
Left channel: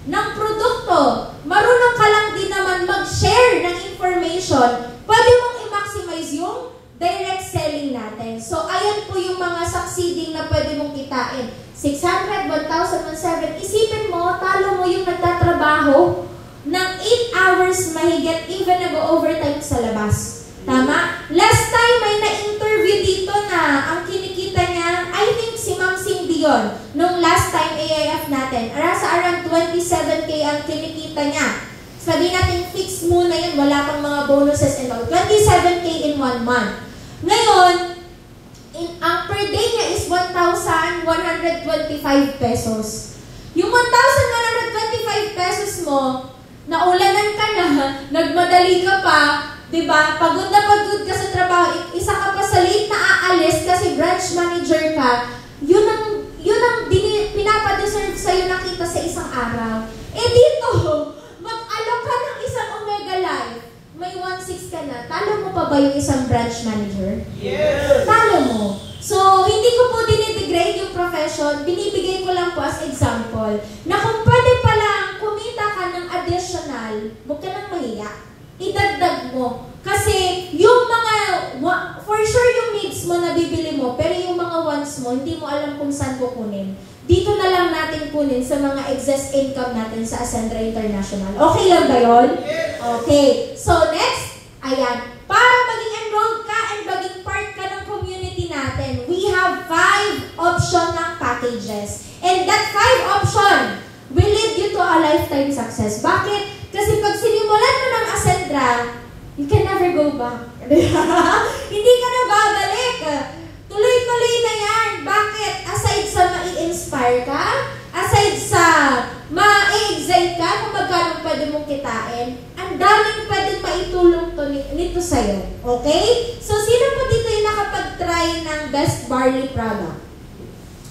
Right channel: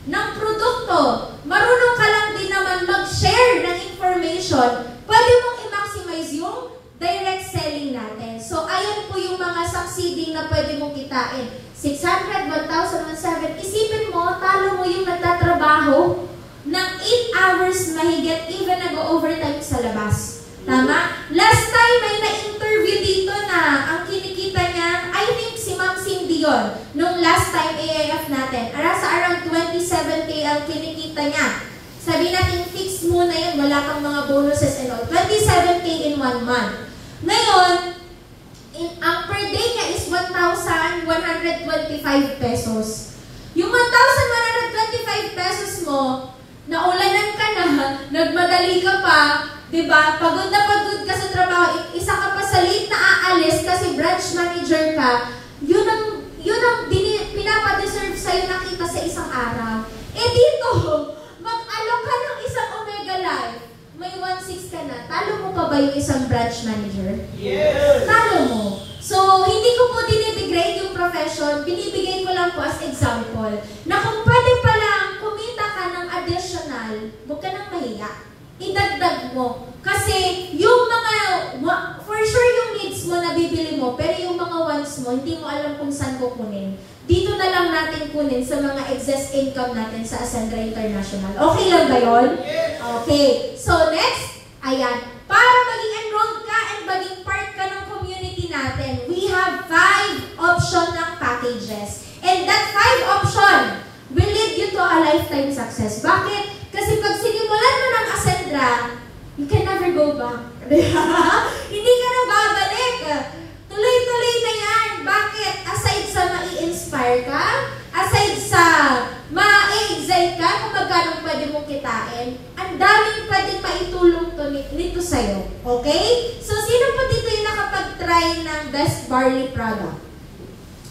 ng produkto, marunong ka lang din naman mag-share ng information, pwede mong i-maximize yung direct selling natin. So, ayan po yung mga succeeding na pwede mong kitain. 600, 1,007. Isipin mo, talo mo yung nagtatrabaho ng 8 hours mahigit, even nag-overtime sa labas. Tama? Last time, may na-interview dito na ang kinikita niya, I think si Ma'am Cindy yun, nung last time AIF natin. Sa around 27K ang kinikita niya. Sabi natin, fix muna yun, wala kang mga bonuses and all. 27K in 1 month. Ngayon, ang per day niya is 1,125 pesos. Yung 1,125 pesos mo, naulanan ka na, nagmadali ka pa, diba? Pagod na pagod ka sa trabaho, isa ka pa sa late na aalis kasi branch manager ka, yun ang pinapadeserve sa'yo nakita sa isang araw. Eh dito, mag-alok ka ng isang Omega Life, may 1,600 ka na, talo mo pa ba yung isang branch manager? Yes! Talo mo. So, hindi ko po dinidegrade yung profession, binibigay ko lang po as example, na kung pwede palang kumita ka ng additional, huwag ka nang mahiya. Idagdag mo. Kasi yung mga, for sure yung needs mo na bibili mo, pero yung mga wants mo, hindi mo alam kung saan kukunin. Dito na lang natin kunin sa mga excess income natin sa Ascendra International. Okay lang ba yun? Okay. So next, ayan. Para maging enrolled ka and maging part ka ng community natin, we have 5 option ng packages. And that 5 option will lead you to a lifetime success. Bakit? Kasi pag sinimulan mo ng Ascendra, you can never go back. Hindi ka na babalik. Tuloy-tuloy na yan. Bakit? Aside sa mai-inspire ka, aside sa ma-excite ka kung magkano pwede mong kitain, ang daming pwede maitulong nito sa'yo. Okay? So, sino po dito yung nakapag-try ng best barley product?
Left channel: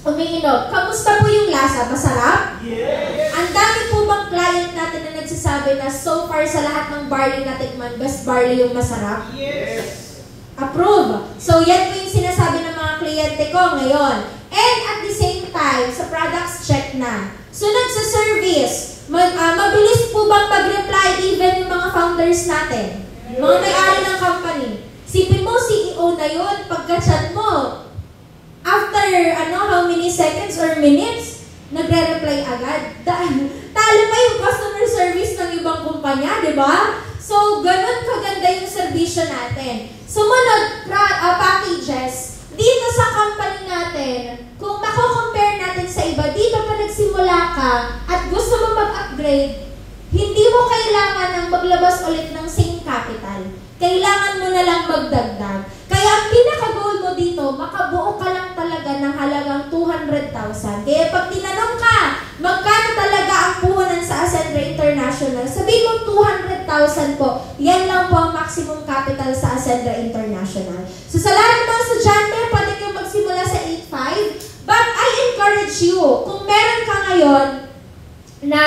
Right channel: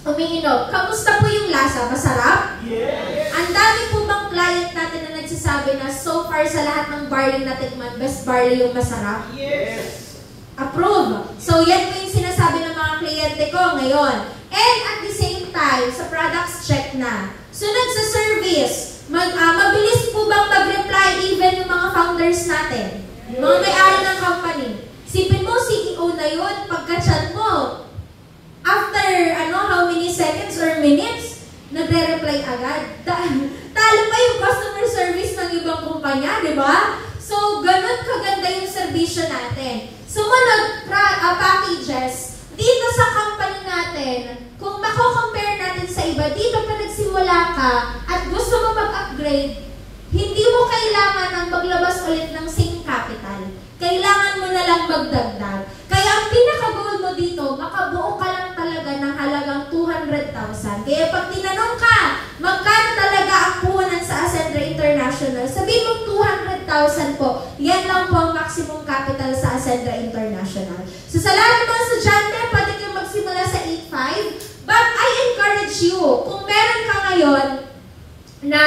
Umiinom. Kamusta po yung lasa? Masarap? Yes! Ang dami po bang client natin na nagsasabi na so far sa lahat ng barley natin man, best barley yung masarap? Yes! Approve. So, yan po yung sinasabi ng mga kliyente ko ngayon. And at the same time, sa products check na. Sunod sa service, mabilis po bang mag-reply even yung mga founders natin? Mga may-ari ng company. Sipin mo, CEO na yun, pagka-chat mo, after how many seconds or minutes, nagre-reply agad. Talo pa yung customer service ng ibang kumpanya, di ba? So, ganun kaganda yung serbisyo natin. Sumunod, packages. Dito sa company natin, kung mako-compare natin sa iba, dito pa nagsimula ka at gusto mo mag-upgrade, hindi mo kailangan ng maglabas ulit ng same capital. Kailangan mo na lang magdagdag. Kaya ang pinaka-goal mo dito, makabuo ka lang talaga ng halagang 200,000. Kaya pag tinanong ka, magkano talaga ang puhunan sa Ascendra International, sabihin mo 200,000 po. Yan lang po ang maximum capital sa Ascendra International. So sa lahat ng mga estudyante, pwede kayo magsimula sa 8.5. But I encourage you, kung meron ka ngayon na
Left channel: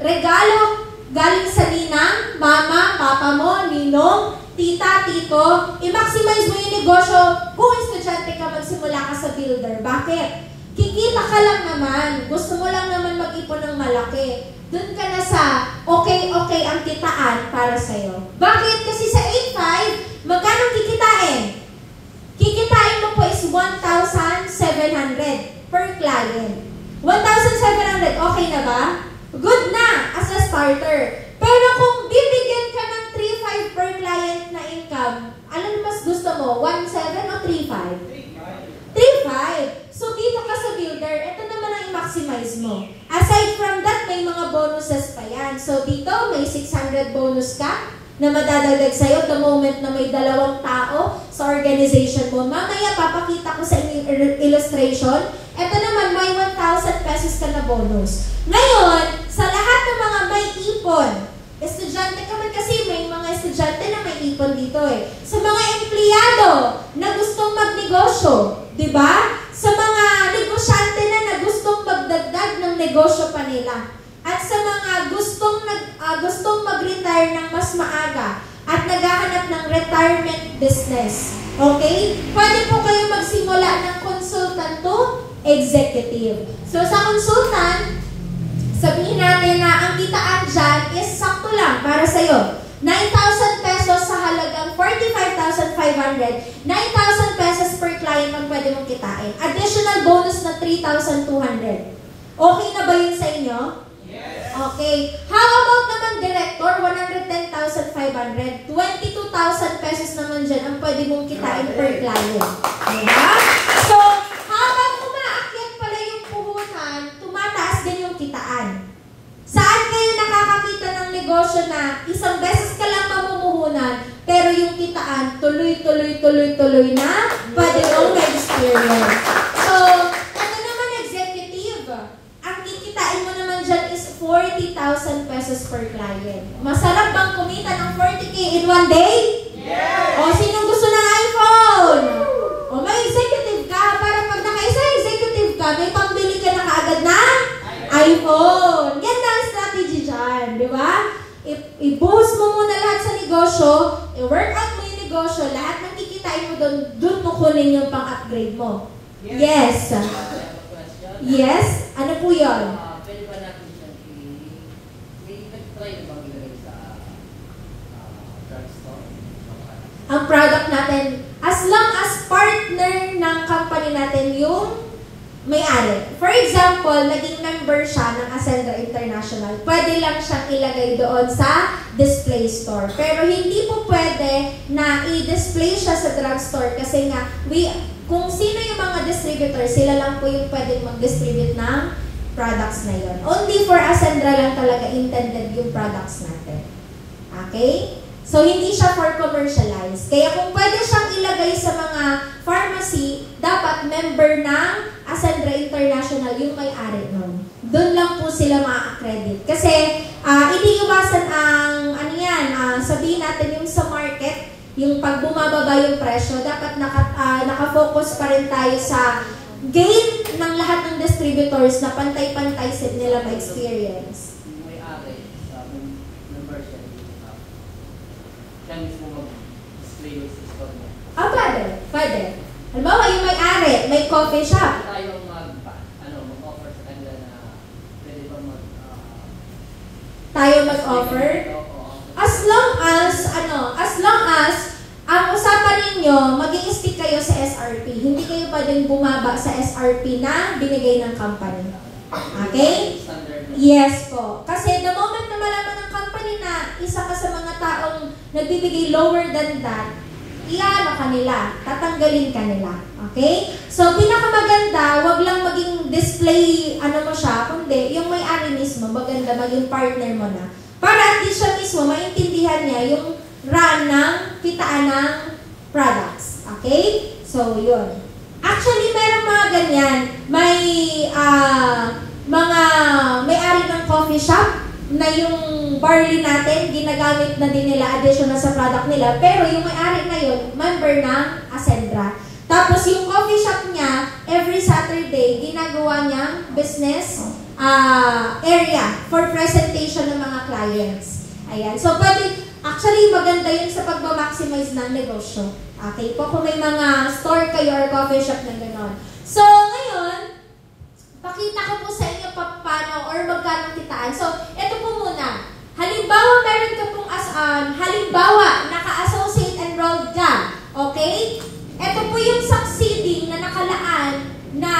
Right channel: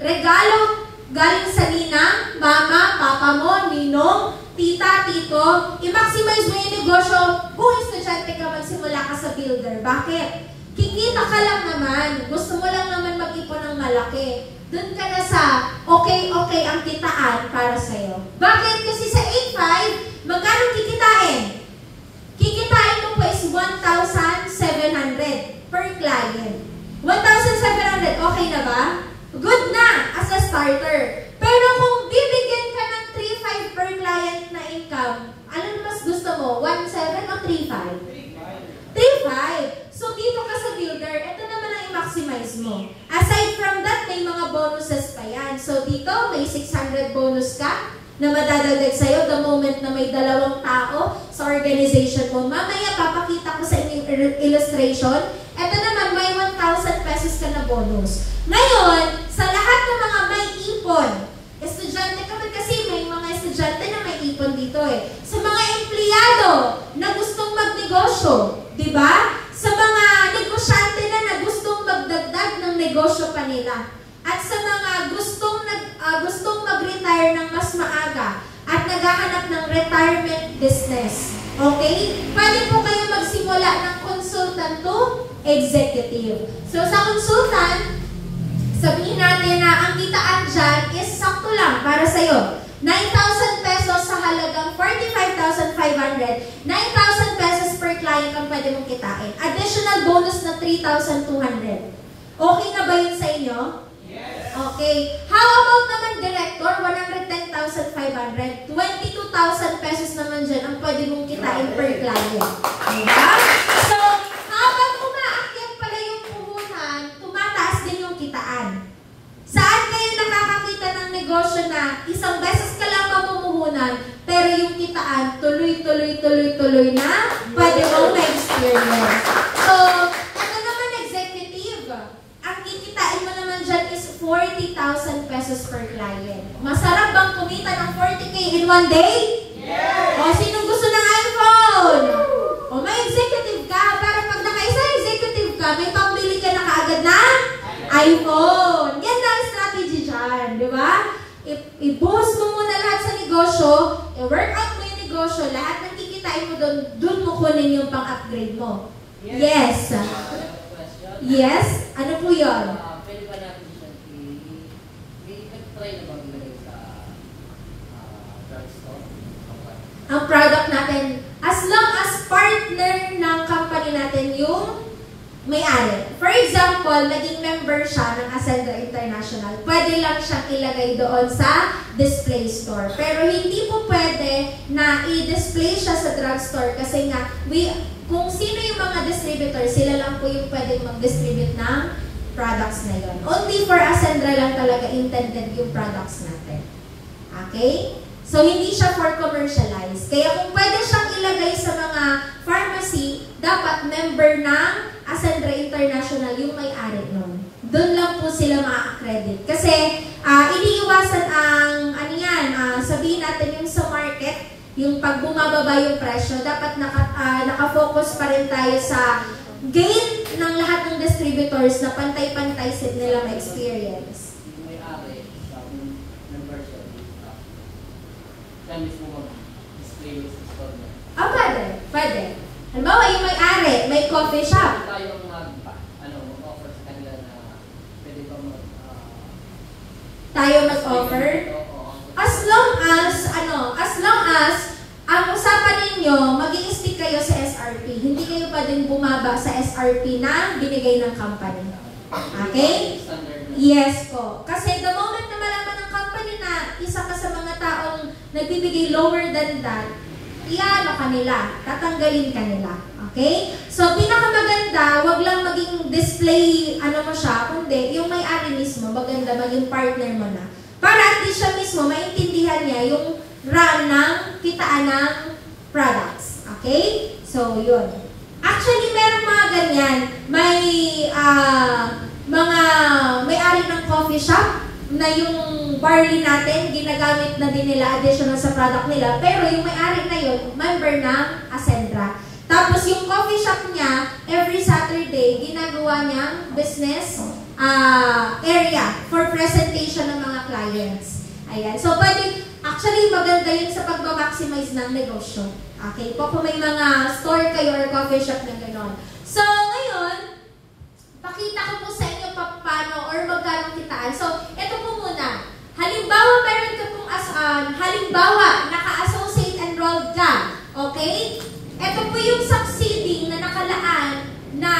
regalo galing sa ninang, mama, papa mo, ninong, tita, tito, i-maximize mo yung negosyo kung estudyante ka, magsimula ka sa builder. Bakit? Kikita ka lang naman. Gusto mo lang naman mag-ipon ng malaki. Doon ka na sa okay ang kitaan para sa'yo. Bakit? Kasi sa 8.5, magkano kikitain? Kikitain mo po is 1,700 per client. 1,700, okay na ba? Good na as a starter. Pero kung bibigyan ka ng 3,500 per client na income, alam mo mas gusto mo? 1,700 o 3,500? 3,500. So dito ka sa builder, ito naman ang i-maximize mo. Aside from that, may mga bonuses pa yan. So dito, may 600 bonus ka na madadagdag sa'yo the moment na may 2 tao sa organization mo. Mamaya, papakita ko sa illustration. Ito naman, may 1,000 pesos ka na bonus. Ngayon, sa lahat ng mga may ipon, Estudyante ka man kasi may mga estudyante na may ipon dito eh. Sa mga empleyado na gustong magnegosyo, di ba? Sa mga negosyante na gustong magdagdag ng negosyo pa nila. At sa mga gustong mag-retire ng mas maaga at naghahanap ng retirement business. Okay? Pwede po kayo magsimula ng consultant to executive. So sa consultant, sabihin natin na ang kitaan dyan is sakto lang para sa'yo. 9,000 pesos sa halagang 45,500. 9,000 pesos per client ang pwede mong kitain. Additional bonus na 3,200. Okay na ba yun sa inyo? Yes. Okay. How about naman director? 110,500. 22,000 pesos naman dyan ang pwede mong kitain per client. Diba? So, habang umaakyat pala yung puhunan, tumataas din yung kitaan. Saan kayo nakakakita ng negosyo na isang beses ka lang mamumuhunan, pero yung kitaan tuloy na, pwede mong na-experience. So, ano naman executive? Ang kikitain mo naman dyan is 40,000 pesos per client. Masarap bang kumita ng 40K in one day? Yes! O, sinong gusto ng iPhone? O, may executive ka. Para pag nakaisa executive ka, may pambili ka na kaagad na iPhone. Yan na ang strategy dyan, di ba? I-boost mo muna lahat sa negosyo, i-work out mo yung negosyo, lahat ng kikitain mo doon mo kunin yung pang-upgrade mo. Yes. Yes? Ano po yun? Pwede ba natin siya i-try na bang ilagay sa drugstore? Ang product natin, as long as partner ng company natin yung may-ari. For example, naging member siya ng Ascendra International, pwede lang siyang ilagay doon sa display store. Pero hindi po pwede na i-display siya sa drugstore kasi nga, kung sino yung mga distributors, sila lang po yung pwede mag-distribute ng products na yun. Only for Ascendra lang talaga intended yung products natin. Okay? So, hindi siya for commercialize. Kaya kung pwede siyang ilagay sa mga pharmacy, dapat member ng Ascendra International yung may-ari nun. Doon lang po sila ma-accredit. Kasi, iniiwasan ang, sabihin natin yung sa market, yung pag bumababa yung presyo, dapat nakafocus pa rin tayo sa gain ng lahat ng distributors na pantay-pantay nila ma-experience. Siya mismo mag-display sa store mo. Pwede. Pwede. Halimbawa, yung may-ari, may coffee shop. Tayo mag-offer sa kanila na pwede ba tayo mag-offer? As long as ang usapan ninyo, mag-i-stick kayo sa SRP. Hindi kayo pwedeng bumaba sa SRP na binigay ng company. Okay? Yes po. Kasi the moment na malaman ng company na isa ka sa mga taong nagbibigay lower than that, tatanggalin ka nila. Okay? So, pinakamaganda, wag lang maging display, mo siya, kundi yung may-ari mismo, maganda, maging partner mo na. Para at least siya mismo, maintindihan niya yung run ng kitaan ng products. Okay? So, yun. Actually, meron mga ganyan. May mga may-ari ng coffee shop na yung barley natin, ginagamit na din nila additional sa product nila. Pero yung may-ari na yun, member ng Ascendra. Tapos yung coffee shop niya, every Saturday, ginagawa niyang business area for presentation ng mga clients. Ayan. So, actually, maganda yun sa pag-maximize ng negosyo. Okay? Kung may mga store kayo or coffee shop na gano'n. So, ngayon, pakita ko po sa inyo paano or magkano kitaan. So, ito po muna. Halimbawa, meron ka pong naka-associate enrolled ka. Okay? Ito po yung succeeding na nakalaan na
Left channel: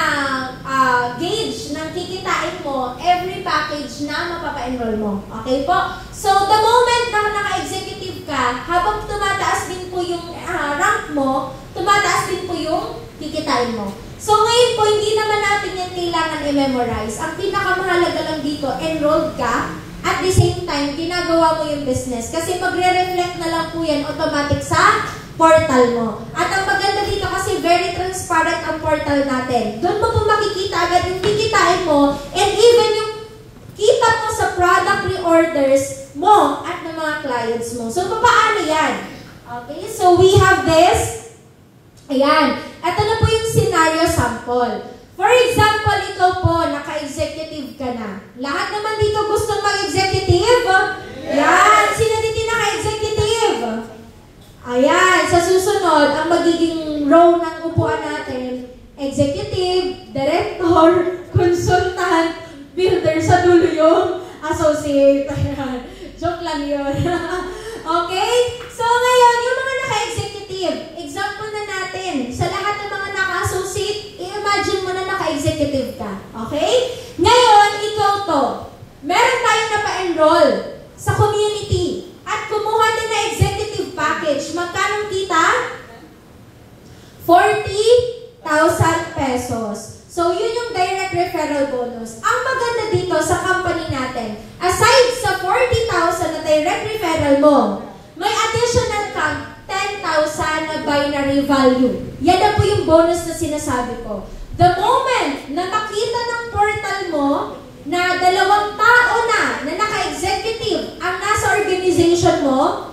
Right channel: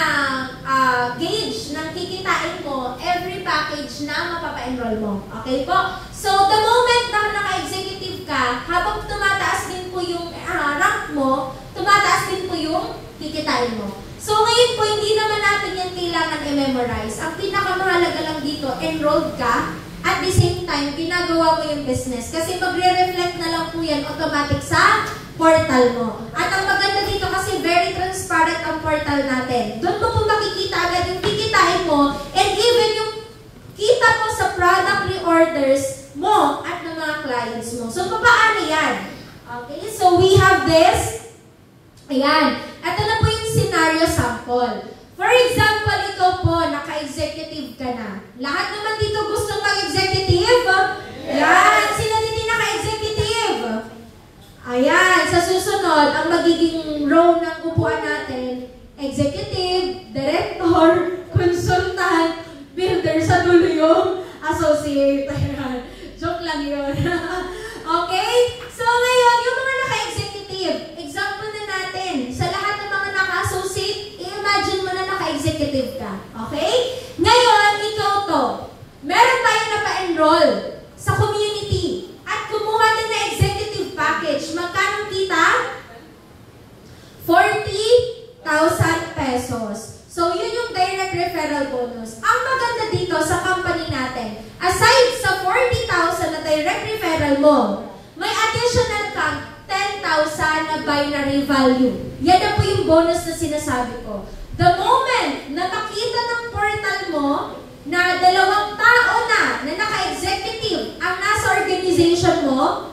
gauge ng kikitain mo every package na mapapa-enroll mo. Okay po? So, the moment na naka-executive ka, habang tumataas din po yung rank mo, tumataas din po yung kikitain mo. So, ngayon po, hindi naman natin yan kailangan i-memorize. Ang pinakamahalaga lang dito, enrolled ka, at the same time, ginagawa mo yung business. Kasi magre-reflect na lang po yan automatic sa portal mo. At ang maganda dito kasi very transparent ang portal natin. Doon mo po makikita agad yung kikitain mo, and even yung kita mo sa product reorders mo at mga clients mo. So, paano yan? Okay, so we have this. Ayan. Ito na po yung scenario sample. For example, ikaw po, naka-executive ka na. Lahat naman dito gustong mag-executive? Ayan. Sino dito naka-executive? Ayan. Sa susunod, ang magiging role ng upuan natin, executive, director, consultant, builder, sa dulo yung associate. Ayan. Joke lang yun. Okay? So ngayon, yung mga naka-executive, example na natin, sa lahat ng mga naka-associate, i-imagine mo na naka-executive ka. Okay? Ngayon, ikaw to. Meron tayong napa-enroll sa community at kumuha din na executive package. Magkano kita? 40,000 pesos. So, yun yung direct referral bonus. Ang maganda dito sa company natin, aside sa 40,000 na direct referral mo, may additional kang 10,000 na binary value. Yan na po yung bonus na sinasabi ko. The moment na makita ng portal mo na 2 tao na naka-executive ang nasa organization mo,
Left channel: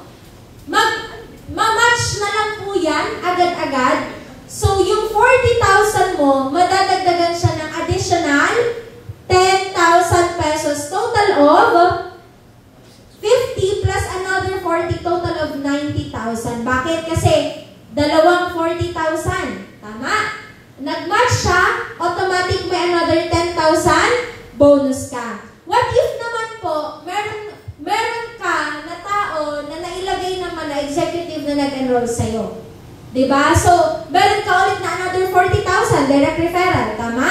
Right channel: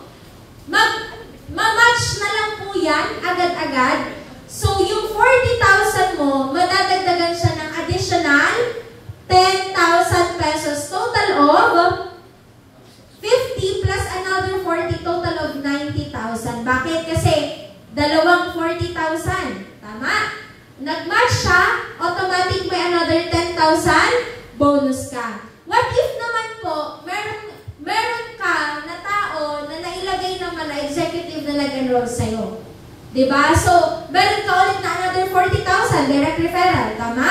ma-match na lang po yan agad-agad. So, yung 40,000 mo, madadagdagan siya ng additional 10,000 pesos. Total of 50 plus another 40, total of 90,000. Bakit? Kasi, 40,000. Tama? Nag-match siya, automatic may another 10,000, bonus ka. What if naman po, meron ka na tao na nailagay naman na executive na nag-enroll sa'yo? Diba? So, meron ka ulit na another 40,000 direct referral. Tama?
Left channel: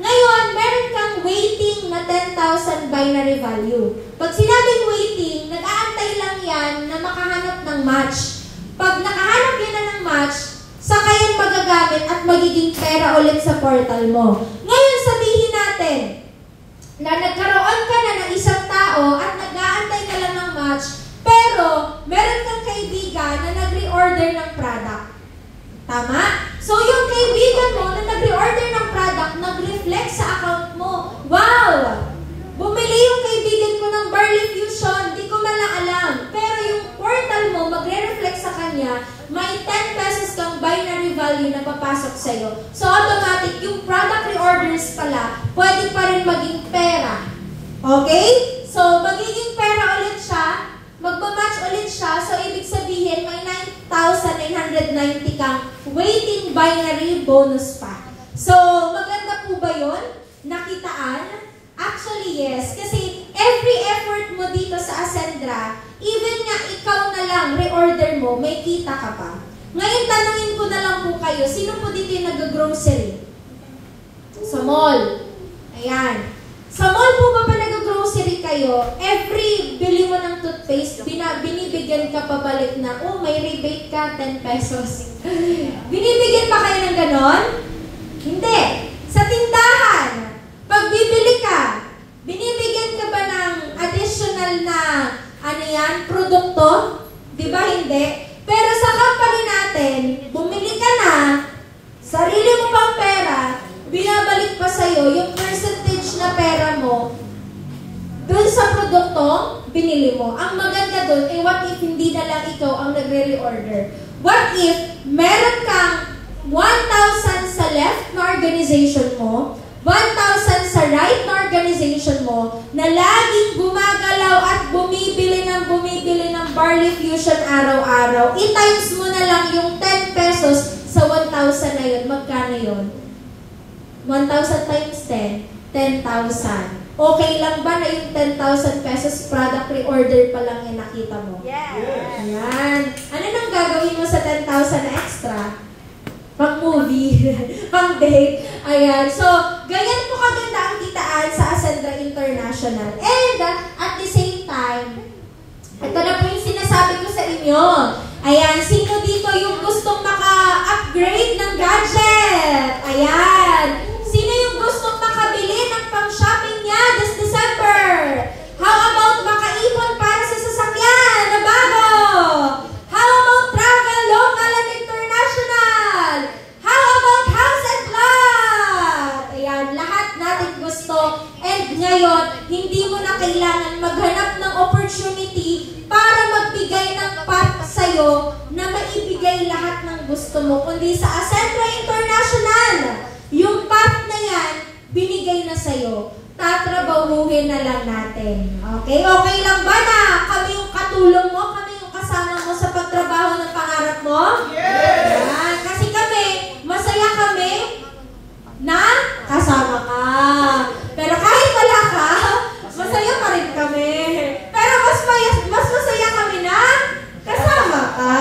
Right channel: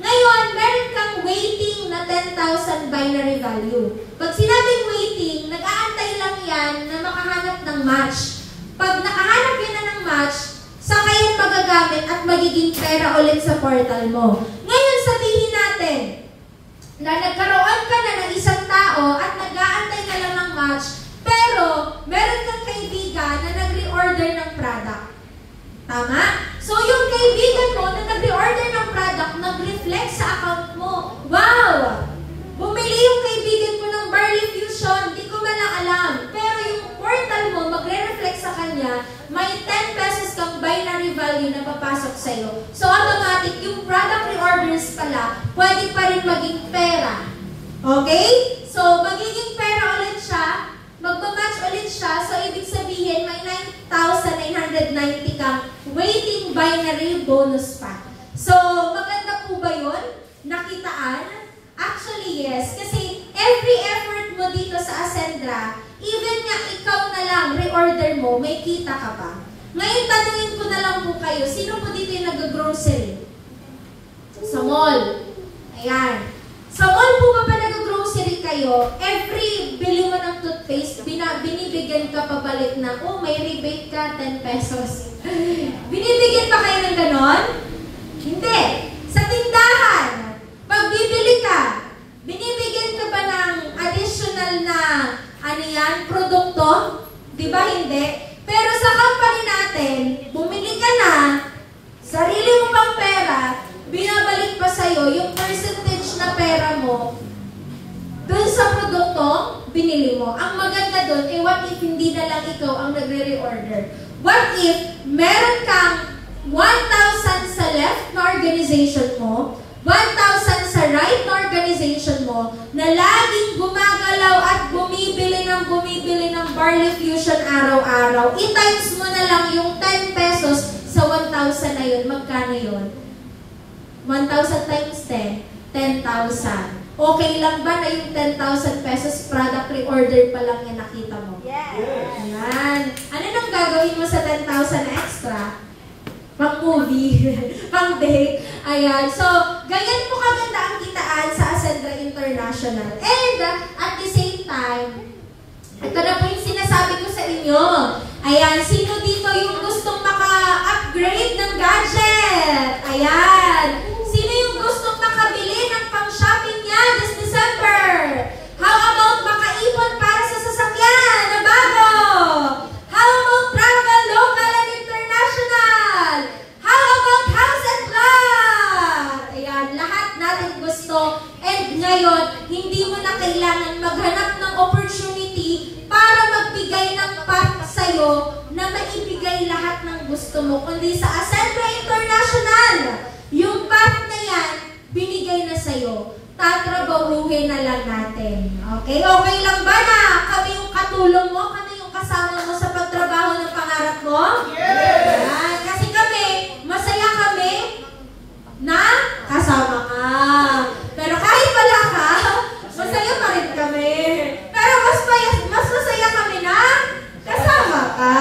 Ngayon, meron kang waiting na 10,000 binary value. Pag sinabing waiting, nag-aantay lang yan na makahanap ng match. Pag nakahanap yan na ng match, saka yan magagamit at magiging pera ulit sa portal mo. Ngayon, sabihin natin na nagkaroon ka na ng isang tao at nag-aantay na lang ng match, pero meron kang kaibigan na nag-reorder ng product. Tama? So, yung kaibigan mo na nag-reorder ng product, nag-reflect sa account mo. Wow! Bumili yung kaibigan ko ng Barley Fusion, di ko man lang alam. Pero yung portal mo, magre-reflect sa kanya, may 10 pesos kang binary value na papasok sa'yo. So, automatic, yung product reorders pala, pwede pa rin maging pera. Okay? So, magiging pera ulit siya, magmamatch ulit siya, so ibig sabihin, may 9,990 kang waiting binary bonus pa. So, maganda po ba yun? Nakitaan? Actually, yes. Kasi every effort mo dito sa Ascendra, even nga ikaw na lang, reorder mo, may kita ka pa. Ngayon, tanungin ko na lang po kayo, sino po dito yung nag-grocery? Sa mall. Ayan. Sa mall po ba nag-grocery kayo, every bili mo ng toothpaste, binibigyan ka pabalik na, oh, may rebate ka, 10 pesos. Binibigyan pa kayo ng ganon? Hindi. Sa tindahan, pag bibili ka, binibigyan ka ba ng additional na, produkto? Di ba hindi? Pero sa company natin, bumili ka na, sarili mo pang pera, binabalik pa sa'yo yung percentage na pera mo dun sa produkto, binili mo. Ang maganda dun, what if hindi na lang ikaw ang nagre-reorder? What if meron kang 1,000 sa left na organization mo, 1,000 sa right na organization mo, na laging gumagalaw at bumibili ng Barley Fusion araw-araw, i-times mo na lang yung 10 pesos sa 1,000 na yun. Magkano yun? 1,000 times 10, 10,000. Okay lang ba na yung 10,000 pesos product reorder pa lang yung nakita mo? Yes. Ayan. Ano nang gagawin mo sa 10,000 na extra? Pang movie, pang date. Ayan. So, ganyan po kaganda ang kitaan sa Ascendra International. And, at the same time, ito na po yung sinasabi ko sa inyo. Ayan, sino dito yung gustong maka-upgrade ng gadget? Ayan. Sino yung gustong makabili ng pang-shopping niya this December? How about makaipon para sa sasakyan na bago? How about travel local and international? How about house and lot? Ayan, lahat natin gusto. And ngayon, hindi mo na kailangan maghanap ng opportunity para gusto mo, kundi sa Acentra International. Yung path na yan, binigay na sa'yo. Tatrabahuhin na lang natin. Okay? Okay lang ba na kami yung katulong mo? Kami yung kasama mo sa pagtrabaho ng pangarap mo? Yes! Yan. Kasi kami, masaya kami na kasama ka. Pero kahit wala ka, masaya pa rin kami. Pero mas masaya kami na kasama ka.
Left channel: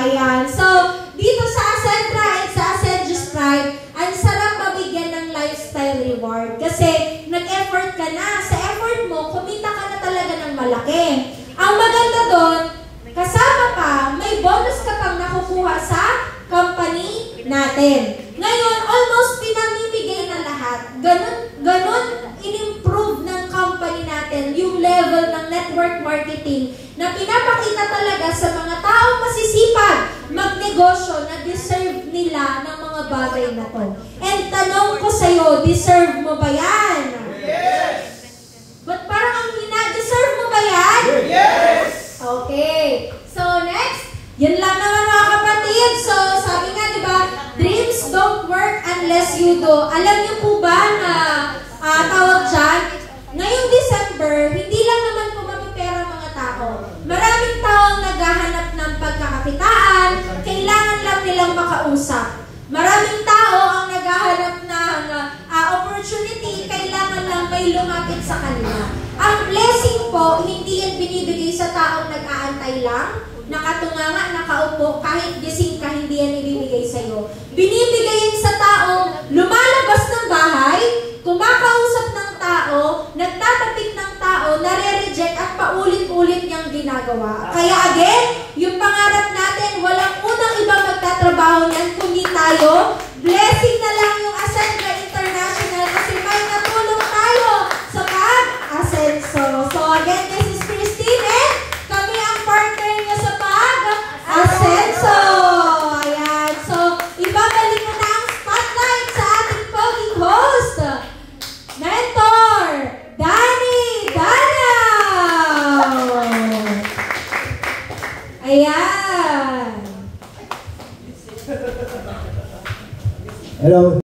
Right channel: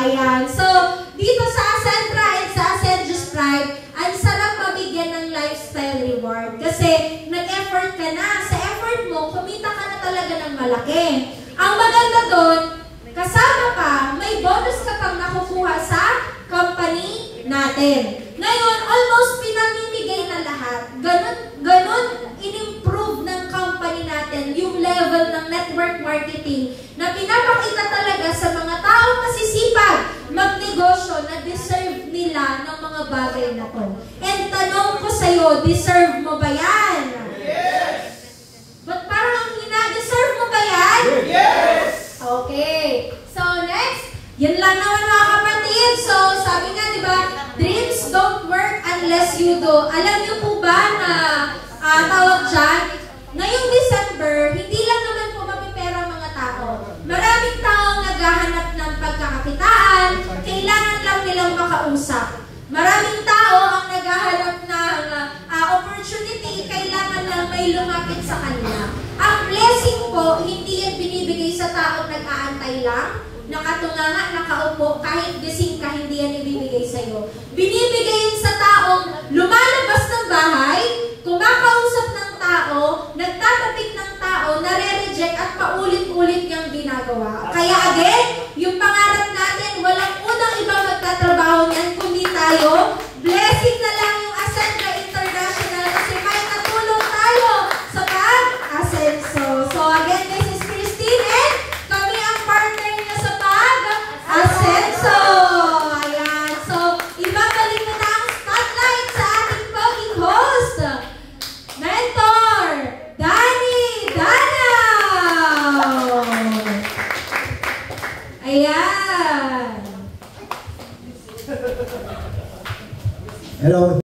Ayan. So, dito sa Acentra at sa Acendra's Tribe, ang sarap mabigyan ng lifestyle reward. Kasi, nag-effort ka na. Sa effort mo, kumita ka na talaga ng malaki. Ang maganda doon, kasama pa, may bonus ka pang nakukuha sa company natin. Ngayon, almost pinamimigay na lahat. Ganon in-improve ng company natin yung level ng network marketing na pinapakita talaga sa mga taong masisipag magnegosyo na deserve nila ng mga bagay na to. And tanong ko sa'yo, deserve mo ba yan? Yes! But parang ang deserve mo ba yan? Yes! Okay. So next, yan lang naman mga kapatid. So sabi nga, di ba, dreams don't work unless you do. Alam niyo po ba na tawag dyan, ngayong December, hindi lang naman po mapipera mga tao. Maraming taong naghahanap ng pagkakakitaan, kailangan lang nilang makausap. Maraming tao ang naghahanap ng opportunity, kailangan lang may lumapit sa kanila. Ang blessing po, hindi yan binibigay sa taong nag-aantay lang, nakatunganga, nakaupo, kahit gising ka, hindi yan ibibigay sa iyo. Binibigay yan sa taong lumalabas ng bahay, kumakausap ng tao, nagtatapik ng tao, nare-reject at paulit-ulit niyang ginagawa. Kaya again, yung pangarap natin, walang unang ibang magtatrabaho niyan, kundi tayo. Blessing na lang yung Acentra International kasi may natulong tayo sa pag-asenso. So again, this is Christine and kami ang partner niya sa pag-asenso. Ayan. So, ibabalik ko na ang spotlight sa ating poging host, Mentor Danny Danaw. Ayan. Hello.